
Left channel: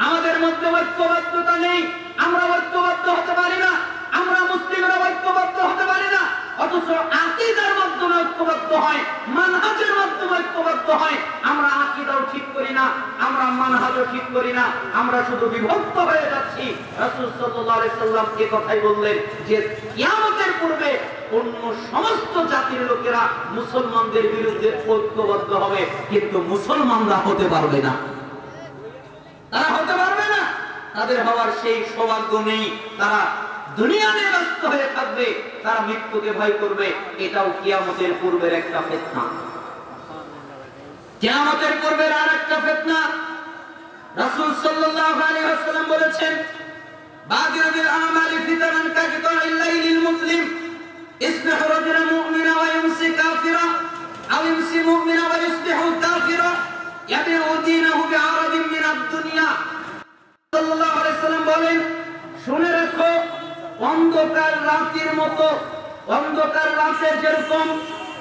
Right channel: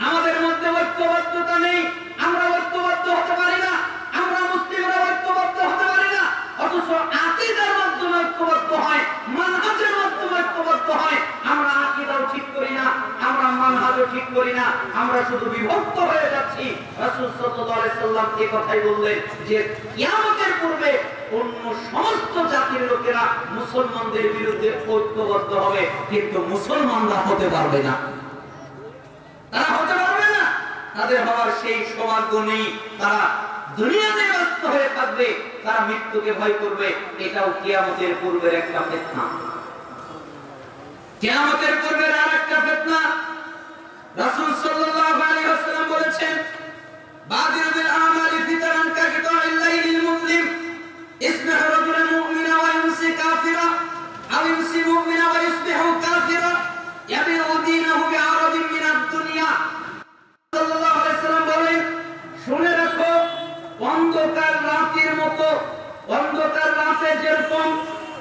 আমাদের মধ্যে ঐক্যবদ্ধতা নেই, আমরা ঐক্যবদ্ধ হতে পারি না, আমরা মুসলিমরা ঐক্যবদ্ধ হতে পারি না। অথচ আকীদার মাধ্যমে ঐক্যবদ্ধ হয়, মানহাজের মাধ্যমে ঐক্যবদ্ধ হয়। আমরা আকীদাও ঠিক করি না, আমরা মানহাজও ঠিক করি না, আমরা শুধু বিভক্ত হয়ে যাচ্ছি। রাসূল সাল্লাল্লাহু আলাইহি সাল্লাম এই কথাই বললেন যে কিয়ামতের পূর্বে অন্য সমস্ত জাতির লোকেরা মুসলমানদের বিরুদ্ধে ঐক্যবদ্ধ হবে, কিন্তু মুসলমানরা হতে পারবে না। তারা হতে পারবে না, তাদের হওয়ার সেই সৌভাগ্য নেই। তারা দুনিয়া নিয়ে ব্যস্ত হয়ে থাকবে। থাকবে, তারা মৃত্যুকে ভয় করবে। এটাও কিয়ামতের পূর্বের একটা ফিতনা। কিয়ামতের পূর্বের আরেকটা ফিতনা রাসূল সাল্লাল্লাহু আলাইহি ওয়াসাল্লাম বলেছেন, বাদিরু বিল আমালি ফিতনান কাকিতাইল লাইলিল মুসলিম ইসবিহু রাজুলান মুমিনা ওয়া ইউমসি কাফিরা আও ইউমসি মুমিনা ওয়া ইসবিহু কাফিরা ইয়াবিউ দীনাহু বিআরাদিন মিনাদ দুনিয়া। সাল্লাল্লাহু আলাইহি ওয়াসাল্লাম বলেন, শুনে রাখো, অন্ধকার রাতের মতো, অন্ধকার রাতে যেরকম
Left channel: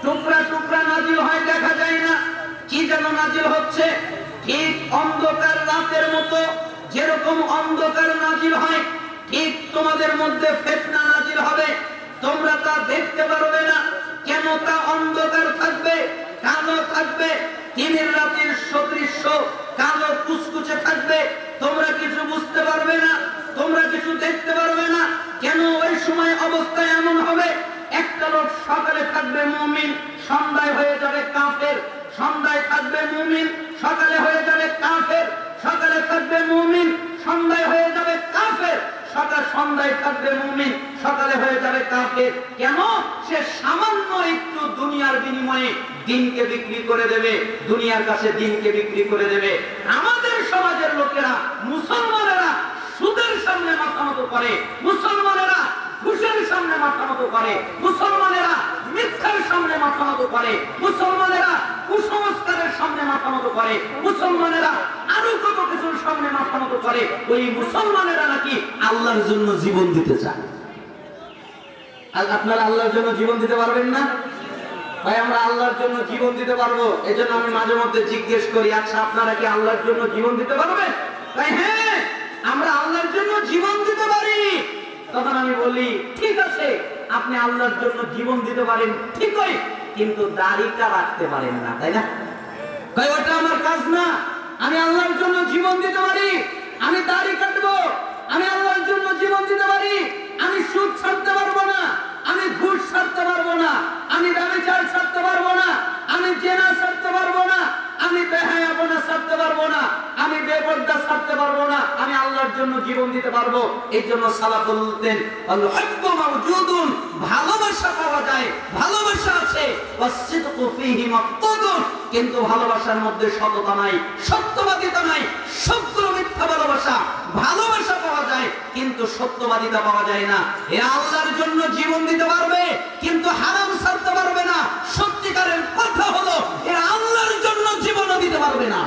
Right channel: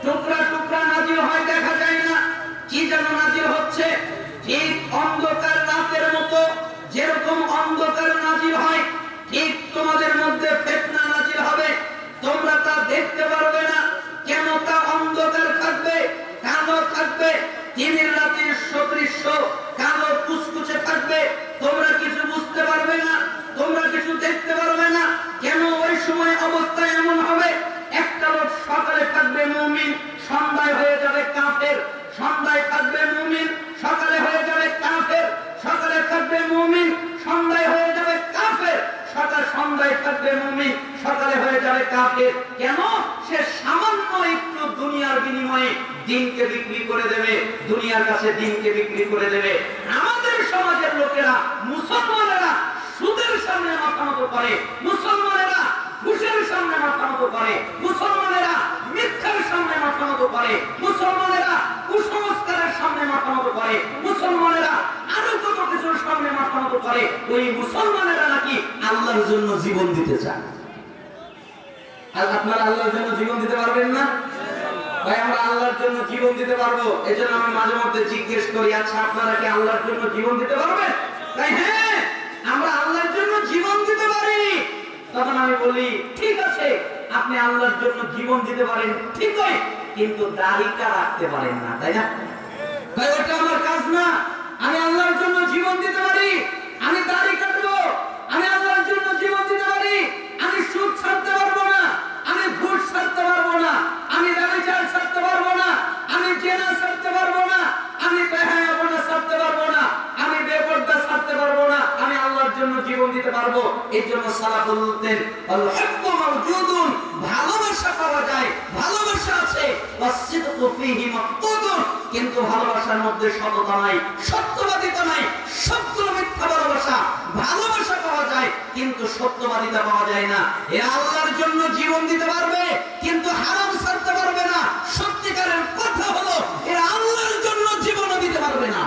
টুকরা টুকরা নাজিল হয় দেখা যায় না, কি যেন নাজিল হচ্ছে, ঠিক অন্ধকার রাতের মতো যেরকম অন্ধকার নাজিল হয়, ঠিক তোমাদের মধ্যে ফিতনা নাজিল হবে। তোমরা তা দেখতে পারবে না। কেন তা অন্ধকার থাকবে, কালো থাকবে, দিনের রাতের সদৃশ্য কালো কুচকুচে থাকবে। তোমরা কিছু বুঝতে পারবে না, তোমরা কিছু দেখতে পারবে না। কেন ওই সময় অবস্থা এমন হবে, একটা লোক সকালে থাকবে মুমিন, সন্ধ্যায় হয়ে যাবে কাফের, সন্ধ্যায় থাকবে মুমিন, সকালে হয়ে যাবে কাফের, সকালে থাকবে মুমিন, সন্ধ্যায় হয়ে যাবে কাফের, সন্ধ্যায় থাকবে মুমিন, সকালে হয়ে যাবে কাফের। কেন? সে সামান্য একটু দুনিয়ার বিনিময়ে দিনকে বিক্রি করে দেবে, দুনিয়ার কাছে দিনকে বিক্রি করে দেবে। আমাদের সমাজের লোকেরা, মুসলমানেরা সুদের সামনে মাথা নত করে, মুসলমানেরা ঘুষের সামনে মাথা নত করে, মুসলমানেরা মিথ্যার সামনে মাথা নত করে, মুসলমানেরা কুসংস্কারের সামনে মাথা নত করে, মুসলমানেরা আরো কত কিছুর সামনে মাথা নত করে। ওই মুসলমানেরা নাকি আল্লাহর জন্য জীবন দিতে চান। আপনারা আল্লাহর জন্য জীবন দিতে পারবেন না? ভাই, আমরা আল্লাহর জন্য জীবন দিতে পারবো। এজন্য আমি মাঝে মধ্যে জিজ্ঞেস করি, আচ্ছা আপনারা কি আল্লাহর জন্য জীবন দিতে পারবেন? তাই হ্যাঁ, আমরা আল্লাহর জন্য জীবন দিতে পারি। তখন আমি বলি, ঠিক আছে, আপনি আল্লাহর জন্য জীবন দিতে পারেন ঠিকই, কিন্তু দাড়িটা রাখতে পারেন না, তাই না? ভাই, ওটা আমার কাজ না। আমি আল্লাহর জন্য জীবন দিতে পারি, আমি দাড়ি কাটবো, আমি আল্লাহর জন্য জীবন দিতে পারি, আমি সুদ ছাড়তে পারবো না, আমি ঘুষ ছাড়তে পারবো না, আমি ব্যভিচার ছাড়তে পারবো না, আমি জেনা ছাড়তে পারবো না, আমি বেহায়াপনা ছাড়তে পারবো না, আমি বেপরদা ছাড়তে পারবো না, আমি আল্লাহর জন্য জীবন দিতে পারবো। এই জন্য সালাফ বলতেন, আল হুব্বু মাওজুদুন, ভালোবাসা পাওয়া যায়, ভালোবাসা আছে, ওয়াসিদকু ফীহি মাফকুদুন, কিন্তু ভালোবাসার মধ্যে সততা নাই, সত্যবাদিতা নাই, সবগুলো মিথ্যা ভালোবাসা। ভালোবাসা পাওয়া যায় কিন্তু সত্যবাদিতা পাওয়া যায় না। এরা আল্লাহর জন্য জীবন দিতে পারবে কিন্তু হারাম ছাড়তে পারবে না। সত্যিকারের কথা হলো, এরা আল্লাহর জন্য জীবনও দিতে পারবে না।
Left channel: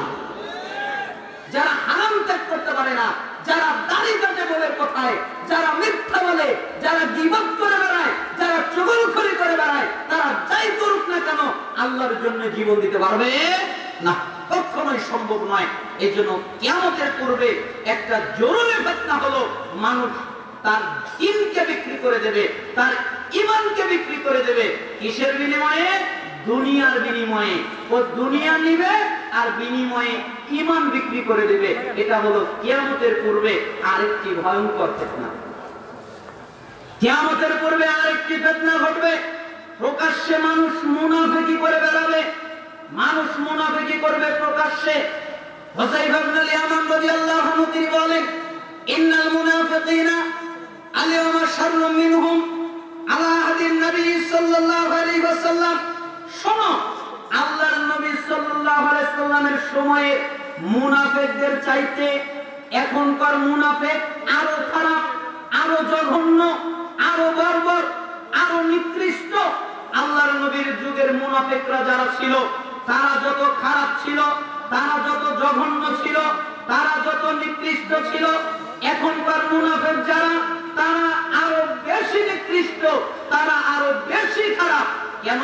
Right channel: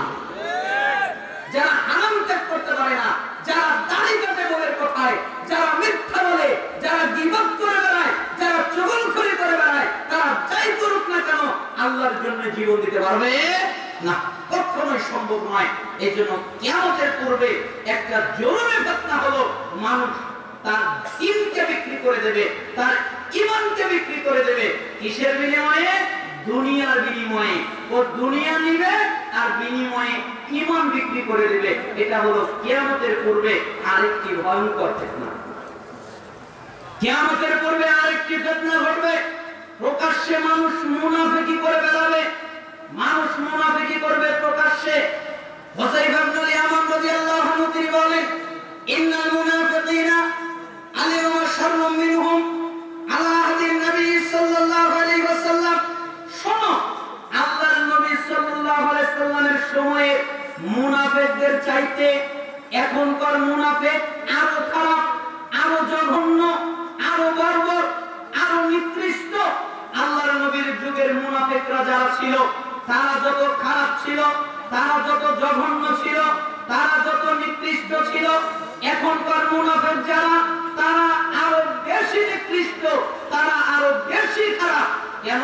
যারা হারাম ত্যাগ করতে পারে না, যারা দাড়ি কাটে বলের কথায়, যারা মিথ্যা বলে, যারা গীবত করে বেড়ায়, যারা চুগলখড়ি করে বেড়ায়, তারা যাই করুক না কেন আল্লাহর জন্য জীবন দিতে পারবে না, কখনোই সম্ভব নয়। এই জন্য কিয়ামতের পূর্বে একটা জরুরি ফিতনা হলো, মানুষ তার দিনকে বিক্রি করে দেবে, তার ঈমানকে বিক্রি করে দেবে। কিসের বিনিময়ে? দুনিয়ার বিনিময়ে। ও দুনিয়া নিবে আর বিনিময়ে ঈমান বিক্রি করে দেবে। এটা হলো কিয়ামতের পূর্বে আরেকটি ভয়ঙ্কর ফিতনা। কিয়ামতের পূর্বে আরেকটি ফিতনা ঘটবে। প্রকাশ্যে মানুষ মুনাফিকি করে বেড়াবে, মানুষ মুনাফিকি করবে প্রকাশ্যে। হুযায়ফা ইবনে ইয়ামান রাদিয়াল্লাহু আনহু তিনি বলেন, ইন্নাল মুনাফিকিনা আল-ইয়াওমা শাররুম মিনহুম আলা আহদিন নবী সাল্লাল্লাহু আলাইহি ওয়াসাল্লাম। শোনো, আল্লাহর নবী সাল্লাল্লাহু আলাইহি ওয়াসাল্লামের সময়ে মুনাফিকদের চাইতে এখনকার মুনাফিক আরো খারাপ, আরো জঘন্য, আরো বর্বর, আরো নিকৃষ্ট। আল্লাহর নবীর যুগের মুনাফিকরা যারা ছিল, তারা যত খারাপ ছিল, তারা যত জঘন্য ছিল, তারা যত নিকৃষ্ট ছিল, এখনকার মুনাফিক যারা, তারা আরো বেশি নিকৃষ্ট, তারা আরো বেশি খারাপ। কেন?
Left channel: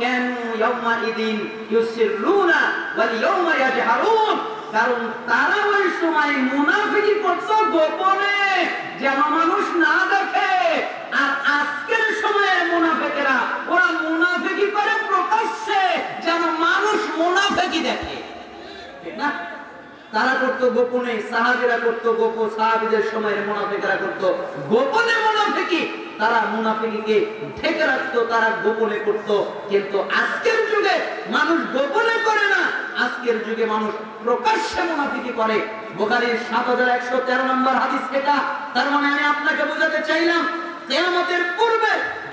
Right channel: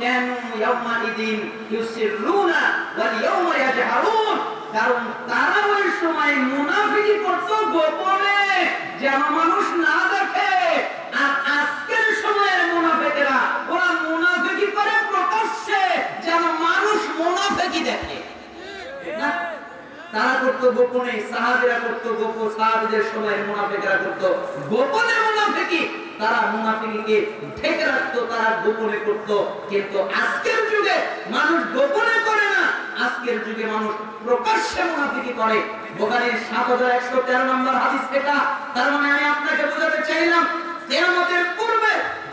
কেন ইয়াউমাইদিন ইউসিরুনা ওয়াল ইয়াউমা ইয়াজহারুন, কারণ তারা ওই সময় মুনাফিকি করত গোপনে, যেন মানুষ না দেখে। আর আজকের সময়ের মুনাফিকেরা, ওরা মুনাফিকি করে প্রকাশ্যে, যেন মানুষ মুনাফিকি দেখে, ঠিক না? তারা করতো গোপনে, সাহাবীরা করতো গোপন, সাহাবীদের সময়ের মুনাফিকরা করতো গোপনে মুনাফিকি। তারা মুনাফিকিকে ঢেকে রাখতো, তারা গোপনে করতো। কিন্তু আজকের যুগে মানুষ গোপনে করে না, আজকের যুগে মানুষ প্রকাশ্যে মুনাফিকি করে। বুখারীর 7113 নম্বর হাদিস এটা। তার মানে আমি আপনাকে বোঝাতে চাইলাম, কিয়ামতের পূর্বে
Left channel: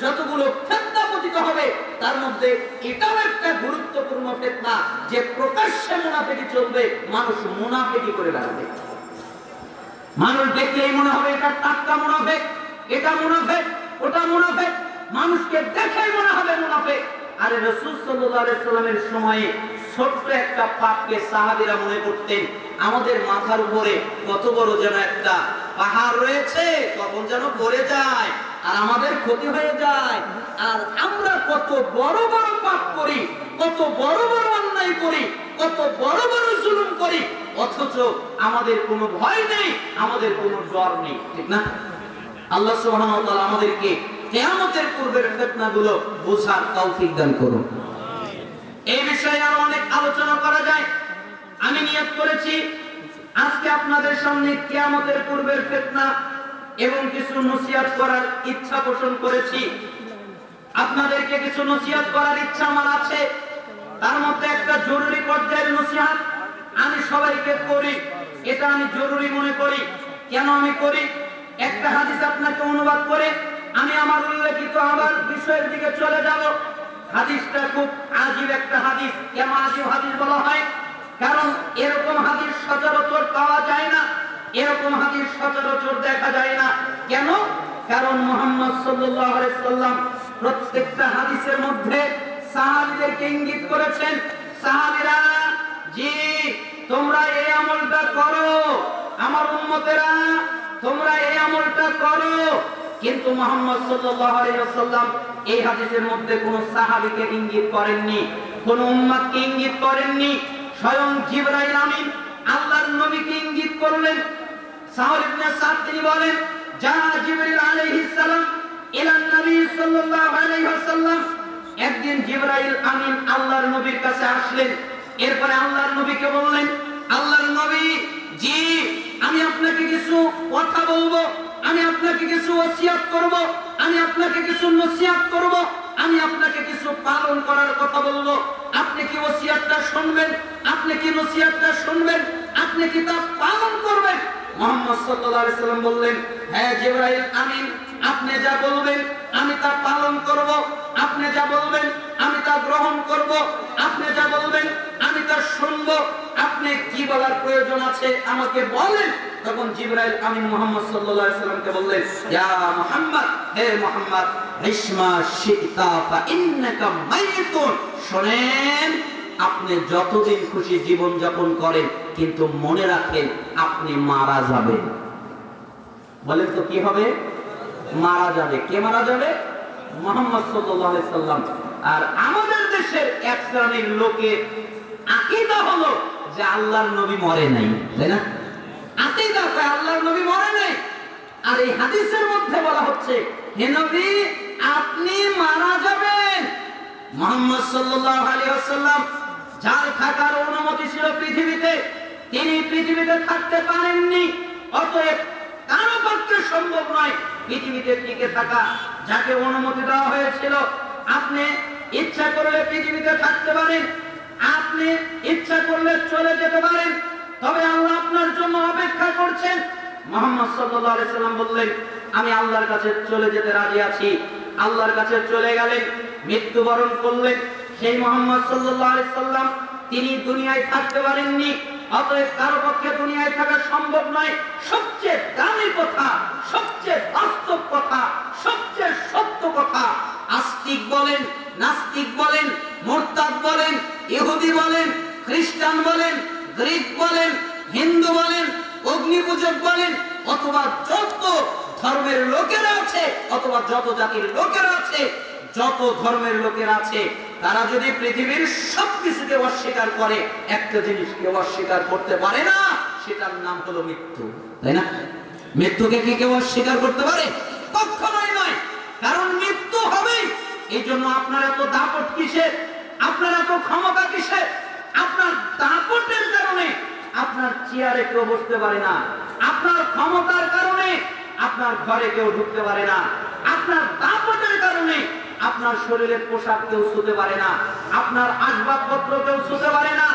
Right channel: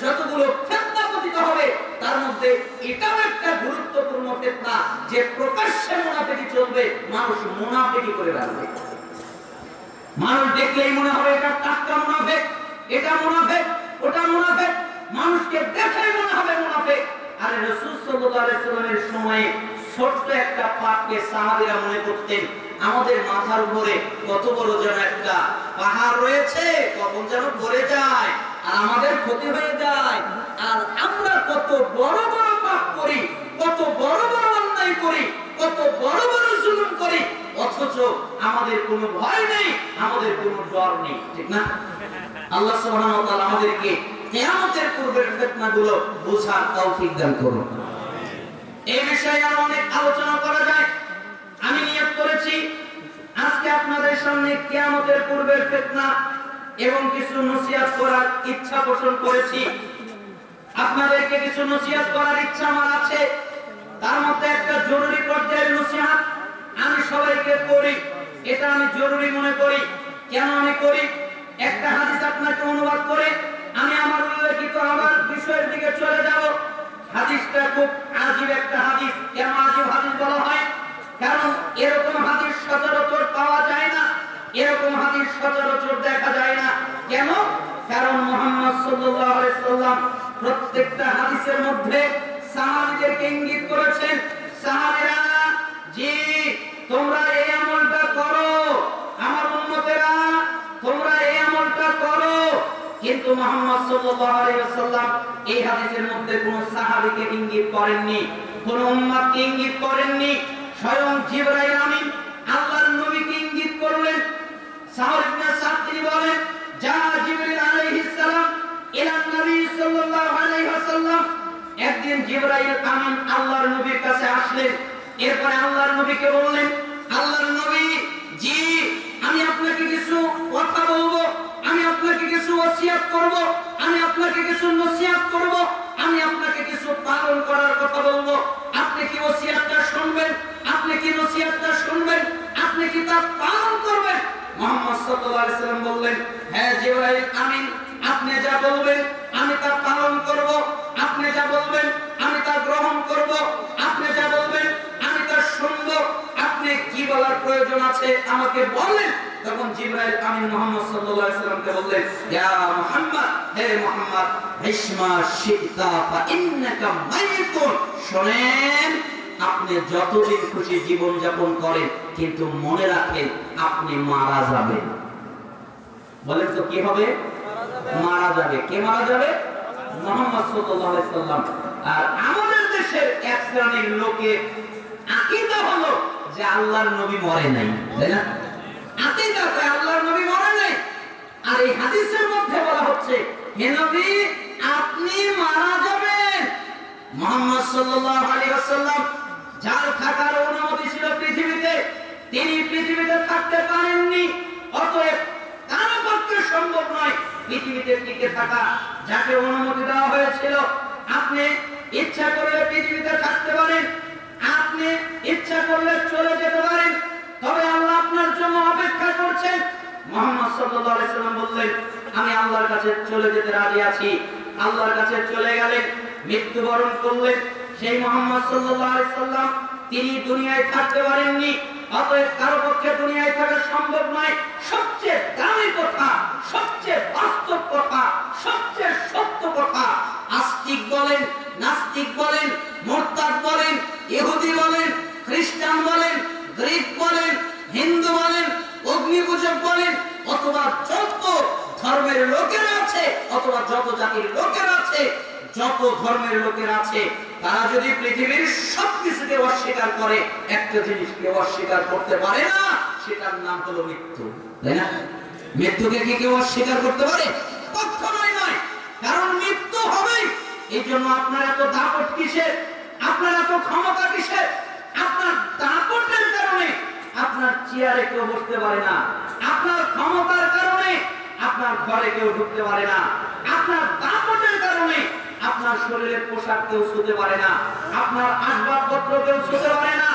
যতগুলো ফিতনা পতিত হবে তার মধ্যে এটাও একটা গুরুত্বপূর্ণ ফিতনা যে প্রকাশ্যে মুনাফিকি চলবে, মানুষ মুনাফিকি করে বেড়াবে। মানুষ দেখলেই মনে হবে এটা টাটকা মুনাফিক, এটা মুনাফিক, ওটা মুনাফিক, মানুষকে দেখেই মনে হবে মুনাফিক। আর রাসূল সাল্লাল্লাহু আলাইহি সাল্লামের সময়ে ছোট্ট একটা পাপকে সাহাবীরা মনে করতেন আমাদের মাথার উপরে কত বড় যেন একটা পাহাড় রয়েছে, কখন যেন পড়ে যায় আর আমাদের ক্ষতি হয়ে যায়। আর আমরা কত বড় বড় পাপ করি, কত বড় বড় অন্যায় করি, কত বড় বড় জুলুম করি, অথচ আমাদের কোনো ভয় নেই, আমাদের কোনো ডর নেই, ঠিক না? আল্লাহ সুবহানাহু ওয়া তাআলা আমাদেরকে কিয়ামতের পূর্বের ফিতনাগুলো বোঝার তৌফিক দান করুন। এই বিষয়ে আরো অনেক আলোচনা করা যায়। আমি নিয়ত করেছি আজকে আপনাদের সামনে কিয়ামতের পূর্বের ফিতনা এবং কিছু নসিহত করার ইচ্ছা পোষণ করেছি। আপনাদেরকে কিছু নসিহত করার ইচ্ছা আমার আছে। তার মধ্যে একটা জরুরি পর্যায়ের নসিহত আমি সবাইকে করি, এটা আমি জরুরি মনে করি। কেন আমি করি? একটা হাদিস আপনাকে অনুবাদ করে আমি আমার উল্লেখিত আবার বিষয়ের দিকে চলে যাব। হাদিসটা খুব আজীব একটা হাদিস। কেন আজীব হাদিস বলা হয়? কারণ এরকম হাদিস সচরাচর পাওয়া যায় না, এরকম হাদিস সচরাচর দেখা যায় না। কেন? কারণ মুহাম্মদ সাল্লাল্লাহু আলাইহি সাল্লাম প্রত্যেকটা হাদিসের মধ্যে সাহাবীদেরকে ইঙ্গিত করেছেন, সাহাবীরা জি তোমরা এই আমলটা করো, আমার উম্মতেরা তোমরা এই আমলটা করো। কিন্তু মুহাম্মদ সাল্লাল্লাহু আলাইহি ওয়াসাল্লাম এই হাদিসের মধ্যে কোন সাহাবীকে ইঙ্গিত করেননি, কোন উম্মতকে ইঙ্গিত করেননি। স্বয়ং জিবরাইল আমিন আল্লাহর নবীকে ইঙ্গিত করলেন। সাহর ইবনে সাদ তিনি বলেন, যা জিবরাইল আলাইহিস সালাম ইলা নবী সাল্লাল্লাহু আলাইহি ওয়াসাল্লাম, একদিন জিবরাইল আমিন আল্লাহর নবীর কাছে আসলেন। এরপরে আল্লাহর নবীকে বললেন, আল্লাহর নবী জি আমি আপনাকে কিছু কথা বলবো, আমি আপনাকে কিছু ওসিয়ত করব, আমি আপনাকে কিছু নসিহত করব, আমি আপনাকে কিছু পালন করার কথা বলবো। আপনি কি ওসিয়তটা শুনবেন? আপনি কি নসিহতটা শুনবেন? আপনি কি তা পালন করবেন? মুহাম্মদ সাল্লাল্লাহু আলাইহি সাল্লাম বললেন, হ্যাঁ জিবরাইল আমিন আপনি যা বলবেন আমি তা পালন করব, আপনি যা বলবেন আমি তা গ্রহণ করব, আপনি যা বলবেন আমি তা শুনবো। আপনি কি বলার প্রয়োজন আছে আমাকে বলেন। তখন জিবরাইল আমিন মুহাম্মদ সাল্লাল্লাহু আলাইহি সাল্লামকে বললেন, ইয়া মুহাম্মদ, হে মুহাম্মদ, ইসমা শিতা ফা ইন্নাকা মাইতুন, শুনেন আপনি যতদিন খুশি জীবন যাপন করেন, কিন্তু মনে রাখেন আপনি মারা যাবেন। বলেন তো কি হবে? মারা যাবে। কে মারা যাবে? মুহাম্মদ সাল্লাল্লাহু আলাইহি সাল্লাম। আর আমাদের দেশের এক শ্রেণীর লোকের আকীদা হলো যে আল্লাহর নবী মরে নাই, তাই না? আকীদা তাই আল্লাহর নবী মরে নাই। আর এই হাদিসের মধ্যে বলা হচ্ছে, হে নবী আপনি মারা যাবেন। মুহাম্মদ সাল্লাল্লাহু আলাইহি ওয়াসাল্লাম যার থাকার অনুমতি ছিল পৃথিবীতে, তিনি পৃথিবীতে থাকতে পারেননি। অতএব কারো পক্ষে সম্ভব নয় পৃথিবীতে টিকে থাকা। যাকে অনুমতি দেওয়া হয়েছিল, আপনি ইচ্ছা করলে পৃথিবীতে থাকতে পারেন, আপনি ইচ্ছা করলে চলে যেতে পারেন, তবে আল্লাহ আপনার জন্য অপেক্ষা করছেন। মুহাম্মদ সাল্লাল্লাহু আলাইহি সাল্লাম বললেন, আমি আল্লাহর কাছে চলে যেতে রাজি আছি। আল্লাহর কাছে চলে গেলেন, মৃত্যুবরণ করলেন। সেই মুহাম্মদ সাল্লাল্লাহু আলাইহি সাল্লাম তিনি দুনিয়ায় থাকতে পারেননি। অতএব কারো পক্ষে দুনিয়ায় থাকা সম্ভব নয়। সবচেয়ে দামি কথা, সবচেয়ে বাস্তব কথা, সবচেয়ে সত্য কথা, আস্তিক বলেন, নাস্তিক বলেন, মুরতাদ বলেন, ইহুদি বলেন, খ্রিস্টান বলেন, গ্রিক বলেন, হিন্দু বলেন, অগ্নিপূজক বলেন, অথবা যত ধর্মের লোকেরা আছে, অথবা যত জাতির লোকেরা আছে, যত ধর্মের লোকেরা আছে, তারা যদি পৃথিবীর সবকিছুকে অস্বীকার করে, একটা জিনিসকে অস্বীকার করতে পারে না, সেটার নাম হলো মৃত্যু, তাই না? মৃত্যুকে কি কেউ অস্বীকার করতে পারে? কখনোই নয়। কারণ মৃত্যু হবেই। এই জন্য আপনার এত দাপট কিসের? আপনার এত ক্ষমতা কিসের? আপনার দাপটের কারণে আপনার চেয়ারে কেউ বসতে পারে না, আপনার ক্ষমতার কারণে আপনার ঘরে কেউ ঢুকতে পারে না, আপনার দাপটের কারণে আপনার শরীরের পোশাক কেউ ছুঁতে পারে না, আপনার আসবাবপত্র কেউ ছুঁতে পারে না,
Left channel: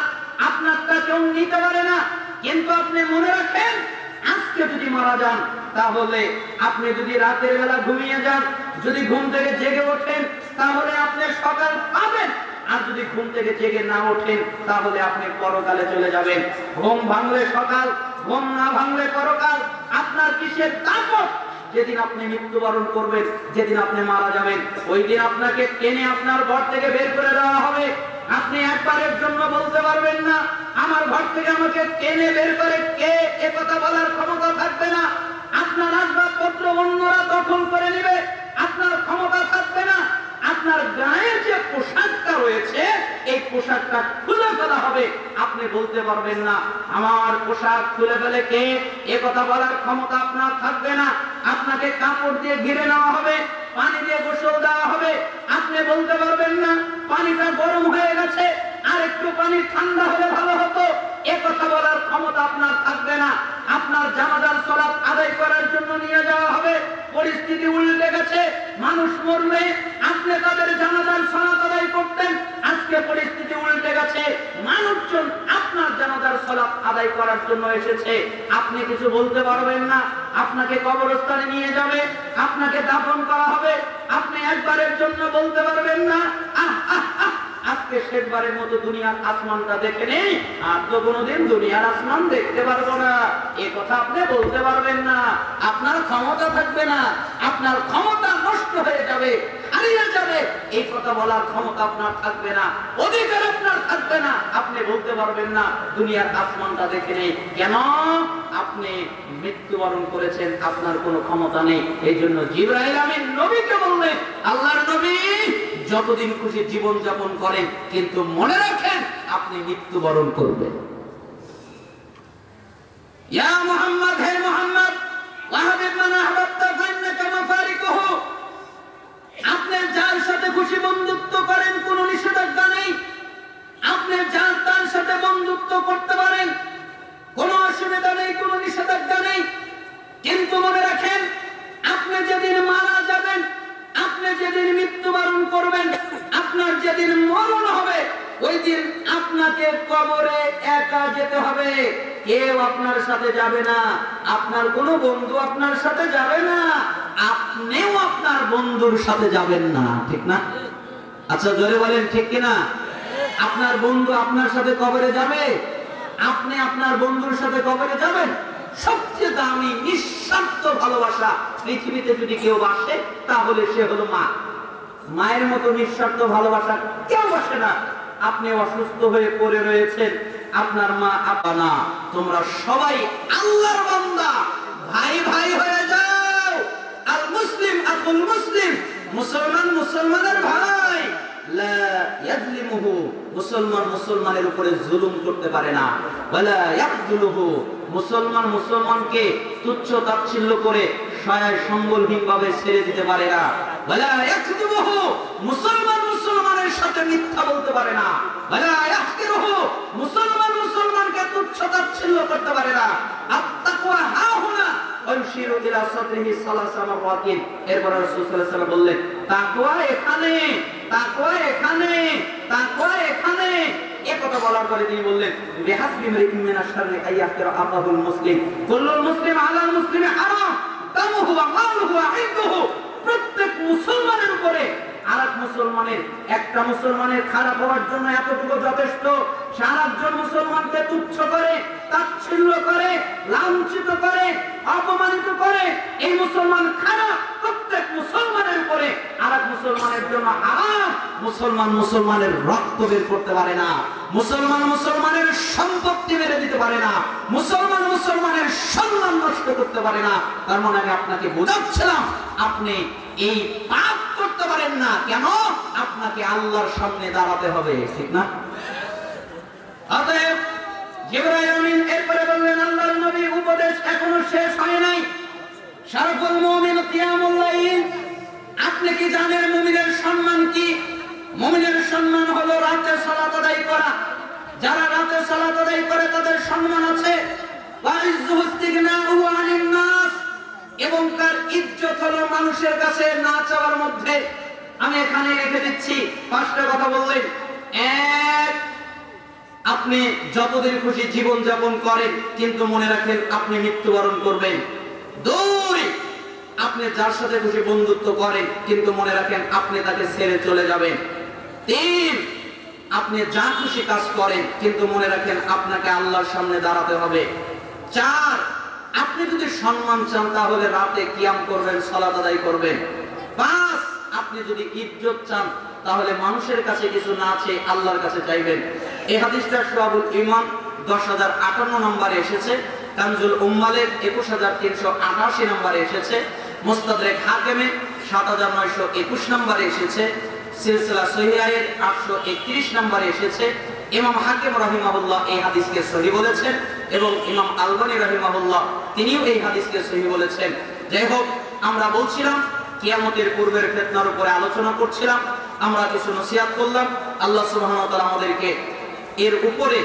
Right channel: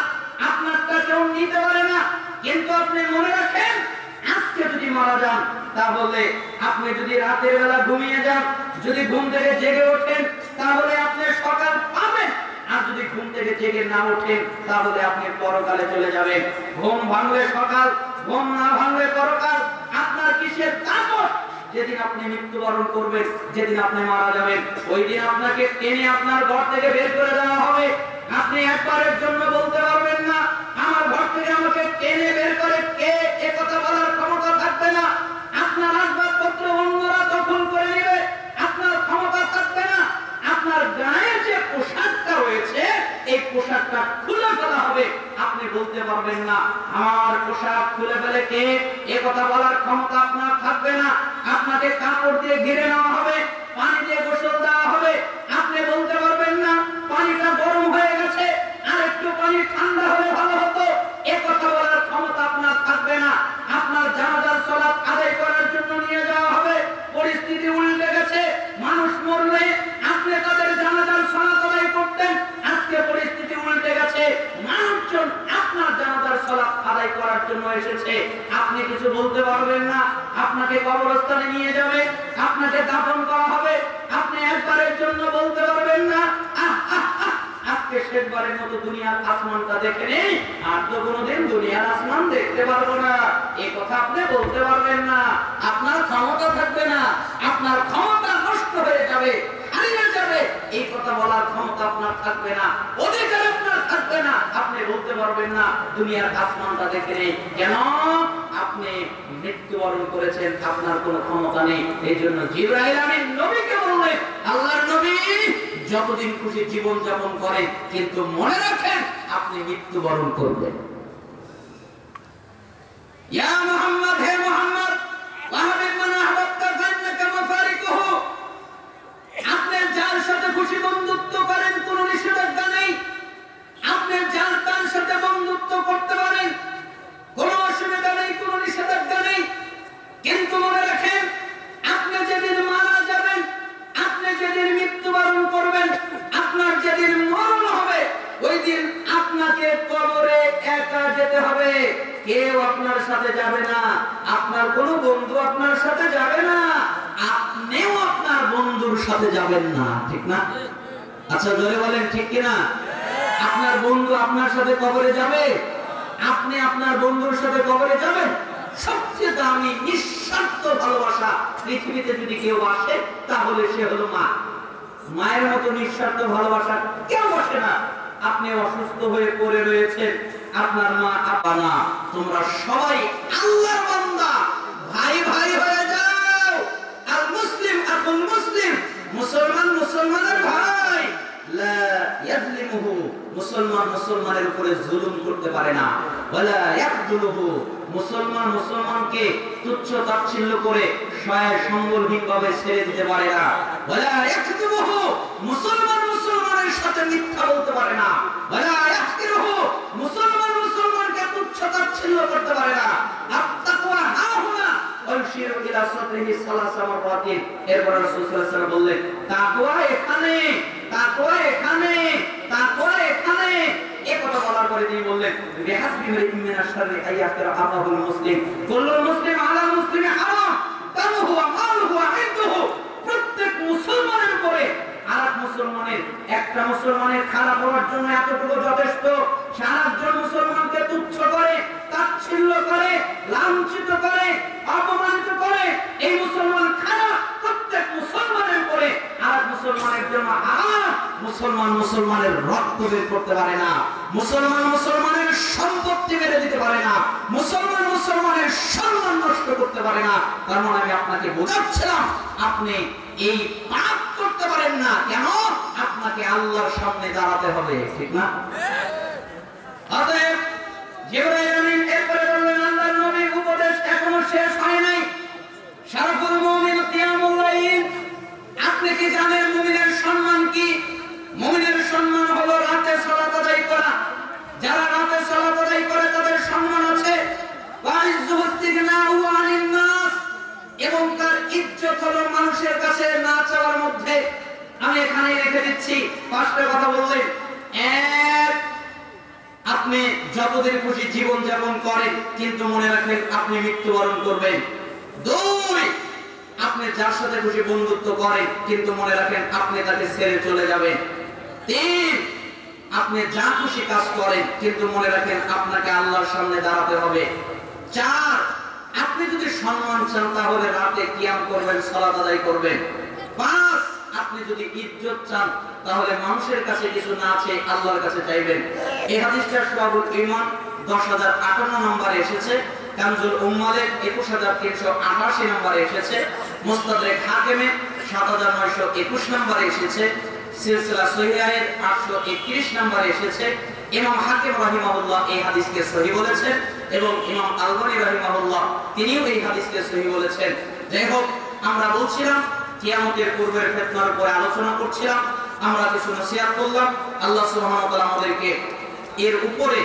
আপনারটা কেউ নিতে পারে না। কিন্তু আপনি মনে রাখেন, আজকে যদি মারা যান, তাহলে আপনি যদি রাতের বেলা ঘুমিয়ে যান, যদি ঘুম থেকে জেগে ওঠেন, তাহলে আপনি সকাল পাবেন। আর যদি ঘুম থেকে জেগে না ওঠেন, তাহলে আপনি পরকালে চলে যাবেন। ঘুম ভাঙলে সকাল, ঘুম না ভাঙলে পরকাল। আপনার কিসের তাকত? যেদিন আপনি মৃত্যুবরণ করবেন, যেদিন আপনি মারা যাবেন, ওই দিন আপনাকে টেনে আপনার ঘর থেকে বের করে দেওয়া হবে। আপনি একবারের জন্য বলতে পারবেন না আমার ঘর থেকে আমাকে টেনে বের করে কে, এ কথা বলার ক্ষমতা থাকবে না। আপনার আসবাবপত্র অন্যরা দখল করে নেবে, আপনার ক্ষমতা থাকবে না। আপনার গায়ে যে পোশাকটা রয়েছে, এই পোশাকটা খুলে ফেলা হবে। আপনি বলতে পারবেন না আমার পোশাক খুলে ফেলে কে, এ কথা বলার ক্ষমতা আপনার থাকবে না। আপনাকে কাপড় দিয়ে ঘিরে নেওয়া হবে, পানি দিয়ে গোসল দেওয়া হবে। আপনি বলতে পারবেন না পানিটা গরম হয়ে গেছে, আর একটু পানি ঠান্ডা হলে ভালো হতো, এ কথা বলার ক্ষমতা আপনার থাকবে না। আপনার জানাজার সালাত আদায় করার জন্য নিয়ে যাওয়া হবে, পরিস্থিতি উল্টে গেছে। মানুষ মরলে আপনি তাদের জানাজার সালাত আদায় করতেন, আজকে পরিস্থিতি উল্টে গেছে। মানুষজন আপনার জানাজার সালাত আদায় করার জন্য এসেছে, আপনি কিছু বলতে পারবেন না। আপনাকে কবরস্থানে নিয়ে যাবে, আপনাকে দাফন করা হবে, আপনি একবারের জন্য বলতে পারবেন না আজকে শেষবারের মতো দুনিয়ার আসমানটা দেখে নেই, আর তো কোনোদিন দুনিয়ার আসমান দেখতে পারবো না, এই কথা আপনি বলতে পারবেন না। আপনার ক্ষমতা থাকবে না, আপনার ক্ষমতা নষ্ট হয়ে যাবে, হারিয়ে যাবে। এই কথা বলার ক্ষমতা আপনার থাকবে না, অধিকার আপনার থাকবে না। আপনি বলতে পারবেন না দুনিয়ার আসমানটা দেখে নেই। কেন? আপনি মৃত্যুবরণ করেছেন, আপনার কোনো ক্ষমতা নেই। এই জন্য জিবরাইল আমিন নবীকে বললেন, আল্লাহর নবী যতদিন খুশি জীবন যাপন করেন, কিন্তু মনে রাখেন আপনি মৃত্যুবরণ করবেন। ইয়া মুহাম্মদ, হে মুহাম্মদ, ওয়াহাবিব মান আহবাবতা ফাইন্নাকা মাফারিকুহু। আপনি যার সাথে খুশি বন্ধুত্ব করেন, কোনো নিষেধাজ্ঞা নেই। আপনি যার তার সাথে বন্ধুত্ব করতে পারেন, কোনো অসুবিধা নেই, কোনো নিষেধাজ্ঞা নেই। কিন্তু মনে রাখেন আপনি যেদিন মারা যাবেন, আপনি যেদিন মৃত্যুবরণ করবেন, আপনার যেদিন মরণ হবে, ওই দিন আপনাকে কবরে একা যেতে হবে। কেউ আপনার সাথে যাবে না, আপনার কোনো বন্ধু আপনার সাথে যাবে না, আপনিও আপনার বন্ধুর সাথে যাবেন না। ঠিক না? আচ্ছা জোরে বলেন ঠিক কিনা? আপনার বন্ধু আপনার সাথে কবরে যাবে, আপনি আপনার বন্ধুর সাথে কবরে যাবেন। সবচেয়ে দামি নিঃস্বার্থ ভালোবাসা পৃথিবীতে যদি কেউ বাসে, তাহলে সে হলো মা। মায়ের মতো নিঃস্বার্থ ভালোবাসা কেউ বাসে না। আপনি অসুস্থ হয়ে পড়ে রয়েছেন, আপনার মা আপনা, তোমরা সবাই আল্লাহর বান্দা, ভাই ভাই হয়ে যাও। আল মুসলিম আকুল মুসলিম, মুসলমান মুসলমানের ভাই। লা ইয়াজলিমুহু, মুসলমান মুসলমানের উপরে জুলুম করতে পারে না। ওয়ালা ইয়াকযুলুহু, মুসলমান মুসলমানকে তুচ্ছ তাচ্ছিল্য করে সহায় সম্বলহীন ভাবে ছেড়ে দিতে পারে না। ওয়ালা ইয়াকযুবুহু, মুসলমান মুসলমানের সাথে মিথ্যা বলতে পারে না। ওয়ালা ইয়াহকিরুহু, মুসলমান মুসলমানকে তুচ্ছ তাচ্ছিল্য করতে পারে না। আত-তাকওয়া হাহুনা ওয়ায়ুশিরু ইলা সাদরিহি সালাসা মারাতিন। এরপর রাসূল সাল্লাল্লাহু আলাইহি ওয়াসাল্লাম বললেন, তাকওয়া এখানে, তাকওয়া এখানে, তাকওয়া এখানে। এই কথা বলার পরে তিনি বললেন, বিহাসবি মিরিন মিনাশ শাররি আইয়াকিরা আকাহুল মুসলিম, কুল্লুল মুসলিম আলাল মুসলিমি হারাম দামুহু ওয়া মালুহু ওয়া ইরদুহু। প্রত্যেক মুসলমানের উপরে আরেক মুসলমানের, একটা মুসলমানের খারাপ হওয়ার জন্য এতটুকু যথেষ্ট। সারাজন মুসলমানকে তুচ্ছ করে, তাচ্ছিল্য করে, লাঞ্ছিত করে, অপমানিত করে, এই মুসলমান খারাপ। প্রত্যেক মুসলমানের উপরে আরেক মুসলমানের জন্য হারাম। মুসলমান মুসলমানের রক্ত বের করতে পারে না, মুসলমান মুসলমানের সম্পত্তি মেরে দিতে পারে না, মুসলমান মুসলমানের সম্মান নষ্ট করতে পারে না। তার মানে আমি আপনাকে বোঝাচ্ছিলাম, আপনি এই পাপ করতে পারেন না। কেন? আপনাকে আল্লাহর সামনে দাঁড়াতে হবে। ঠিক না? অতএব জিবরাইল আমিন এরপরে বললেন, আল্লাহর নবীর উপদেশ এখনো শেষ হয় নাই। শারফুল মুমিন কিয়ামুল লাইল, আপনি কি জানেন মুমিনের সম্মান কি? মুমিনের সম্মান হলো রাতে সালাত আদায় করা। যারা রাতে সালাত আদায় করে তাদের সম্মান আছে। এবং তার ইজ্জত হলো মানুষের কাছে না চাওয়ার মধ্যে। আমি এখানে রেখে দিচ্ছি 5টা কথা বললেন। এক, আপনি যতদিন খুশি জীবন যাপন করেন, কিন্তু মনে রাখেন আপনি মৃত্যুবরণ করবেন। 2, আপনি যার সাথে খুশি বন্ধুত্ব করেন, কিন্তু মনে রাখেন আপনি তাকে ছেড়ে চলে যাবেন। 3, আপনি যা খুশি কাজ করেন, কিন্তু মনে রাখেন আপনাকে আল্লাহর সামনে দাঁড়াতে হবে। 4, আপনি যদি সম্মান চান তাহলে রাতে কিয়াম করবেন, সালাত আদায় করবেন। 5, আপনি যদি ইজ্জত চান তাহলে মানুষের কাছে কিছু না চেয়ে আল্লাহর কাছে চাইবেন। এই হাদিসটা শুআবুল ঈমান 10058 নম্বরে এসেছে, কানজুল উম্মালের 21388 নম্বরে এসেছে, মুস্তাদরাক হাকিমে 7921 নম্বরে এসেছে, সিলসিলা সহিহায়ের 831 নম্বরে এসেছে। ইমাম হাকিম রাহিমাহুল্লাহ এই হাদিসকে সহিহ বলেছেন এবং ইমাম আলবানী রাহিমাহুল্লাহ তিনিও এই হাদিসকে সহিহ বলেছেন। যাই হোক, আমরা বলছিলাম কিয়ামতের পূর্বের ফিতনার উপরে আলোচনা করছিলাম, আমরা কিছু নসিহত করলাম। আল্লাহ সুবহানাহু ওয়া তাআলা আমাদেরকে এর উপরে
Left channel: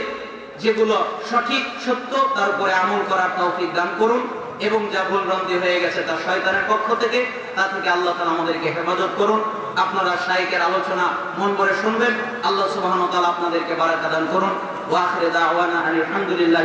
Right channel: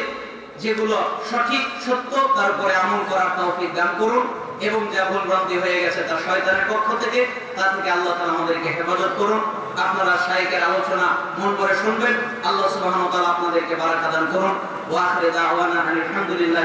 যেগুলো সঠিক সত্য তার উপরে আমল করার তৌফিক দান করুন, এবং যা ভুল ভ্রান্তি হয়ে গেছে তা শয়তানের পক্ষ থেকে, তা থেকে আল্লাহ তাআলা আমাদেরকে হেফাজত করুন। আপনারা শাইখের আলোচনা মন ভরে শুনবেন। আল্লাহ সুবহানাহু ওয়া তাআলা আপনাদেরকে বারাকা দান করুন। ওয়া আখিরু দাওয়ানা আলহামদুলিল্লাহ।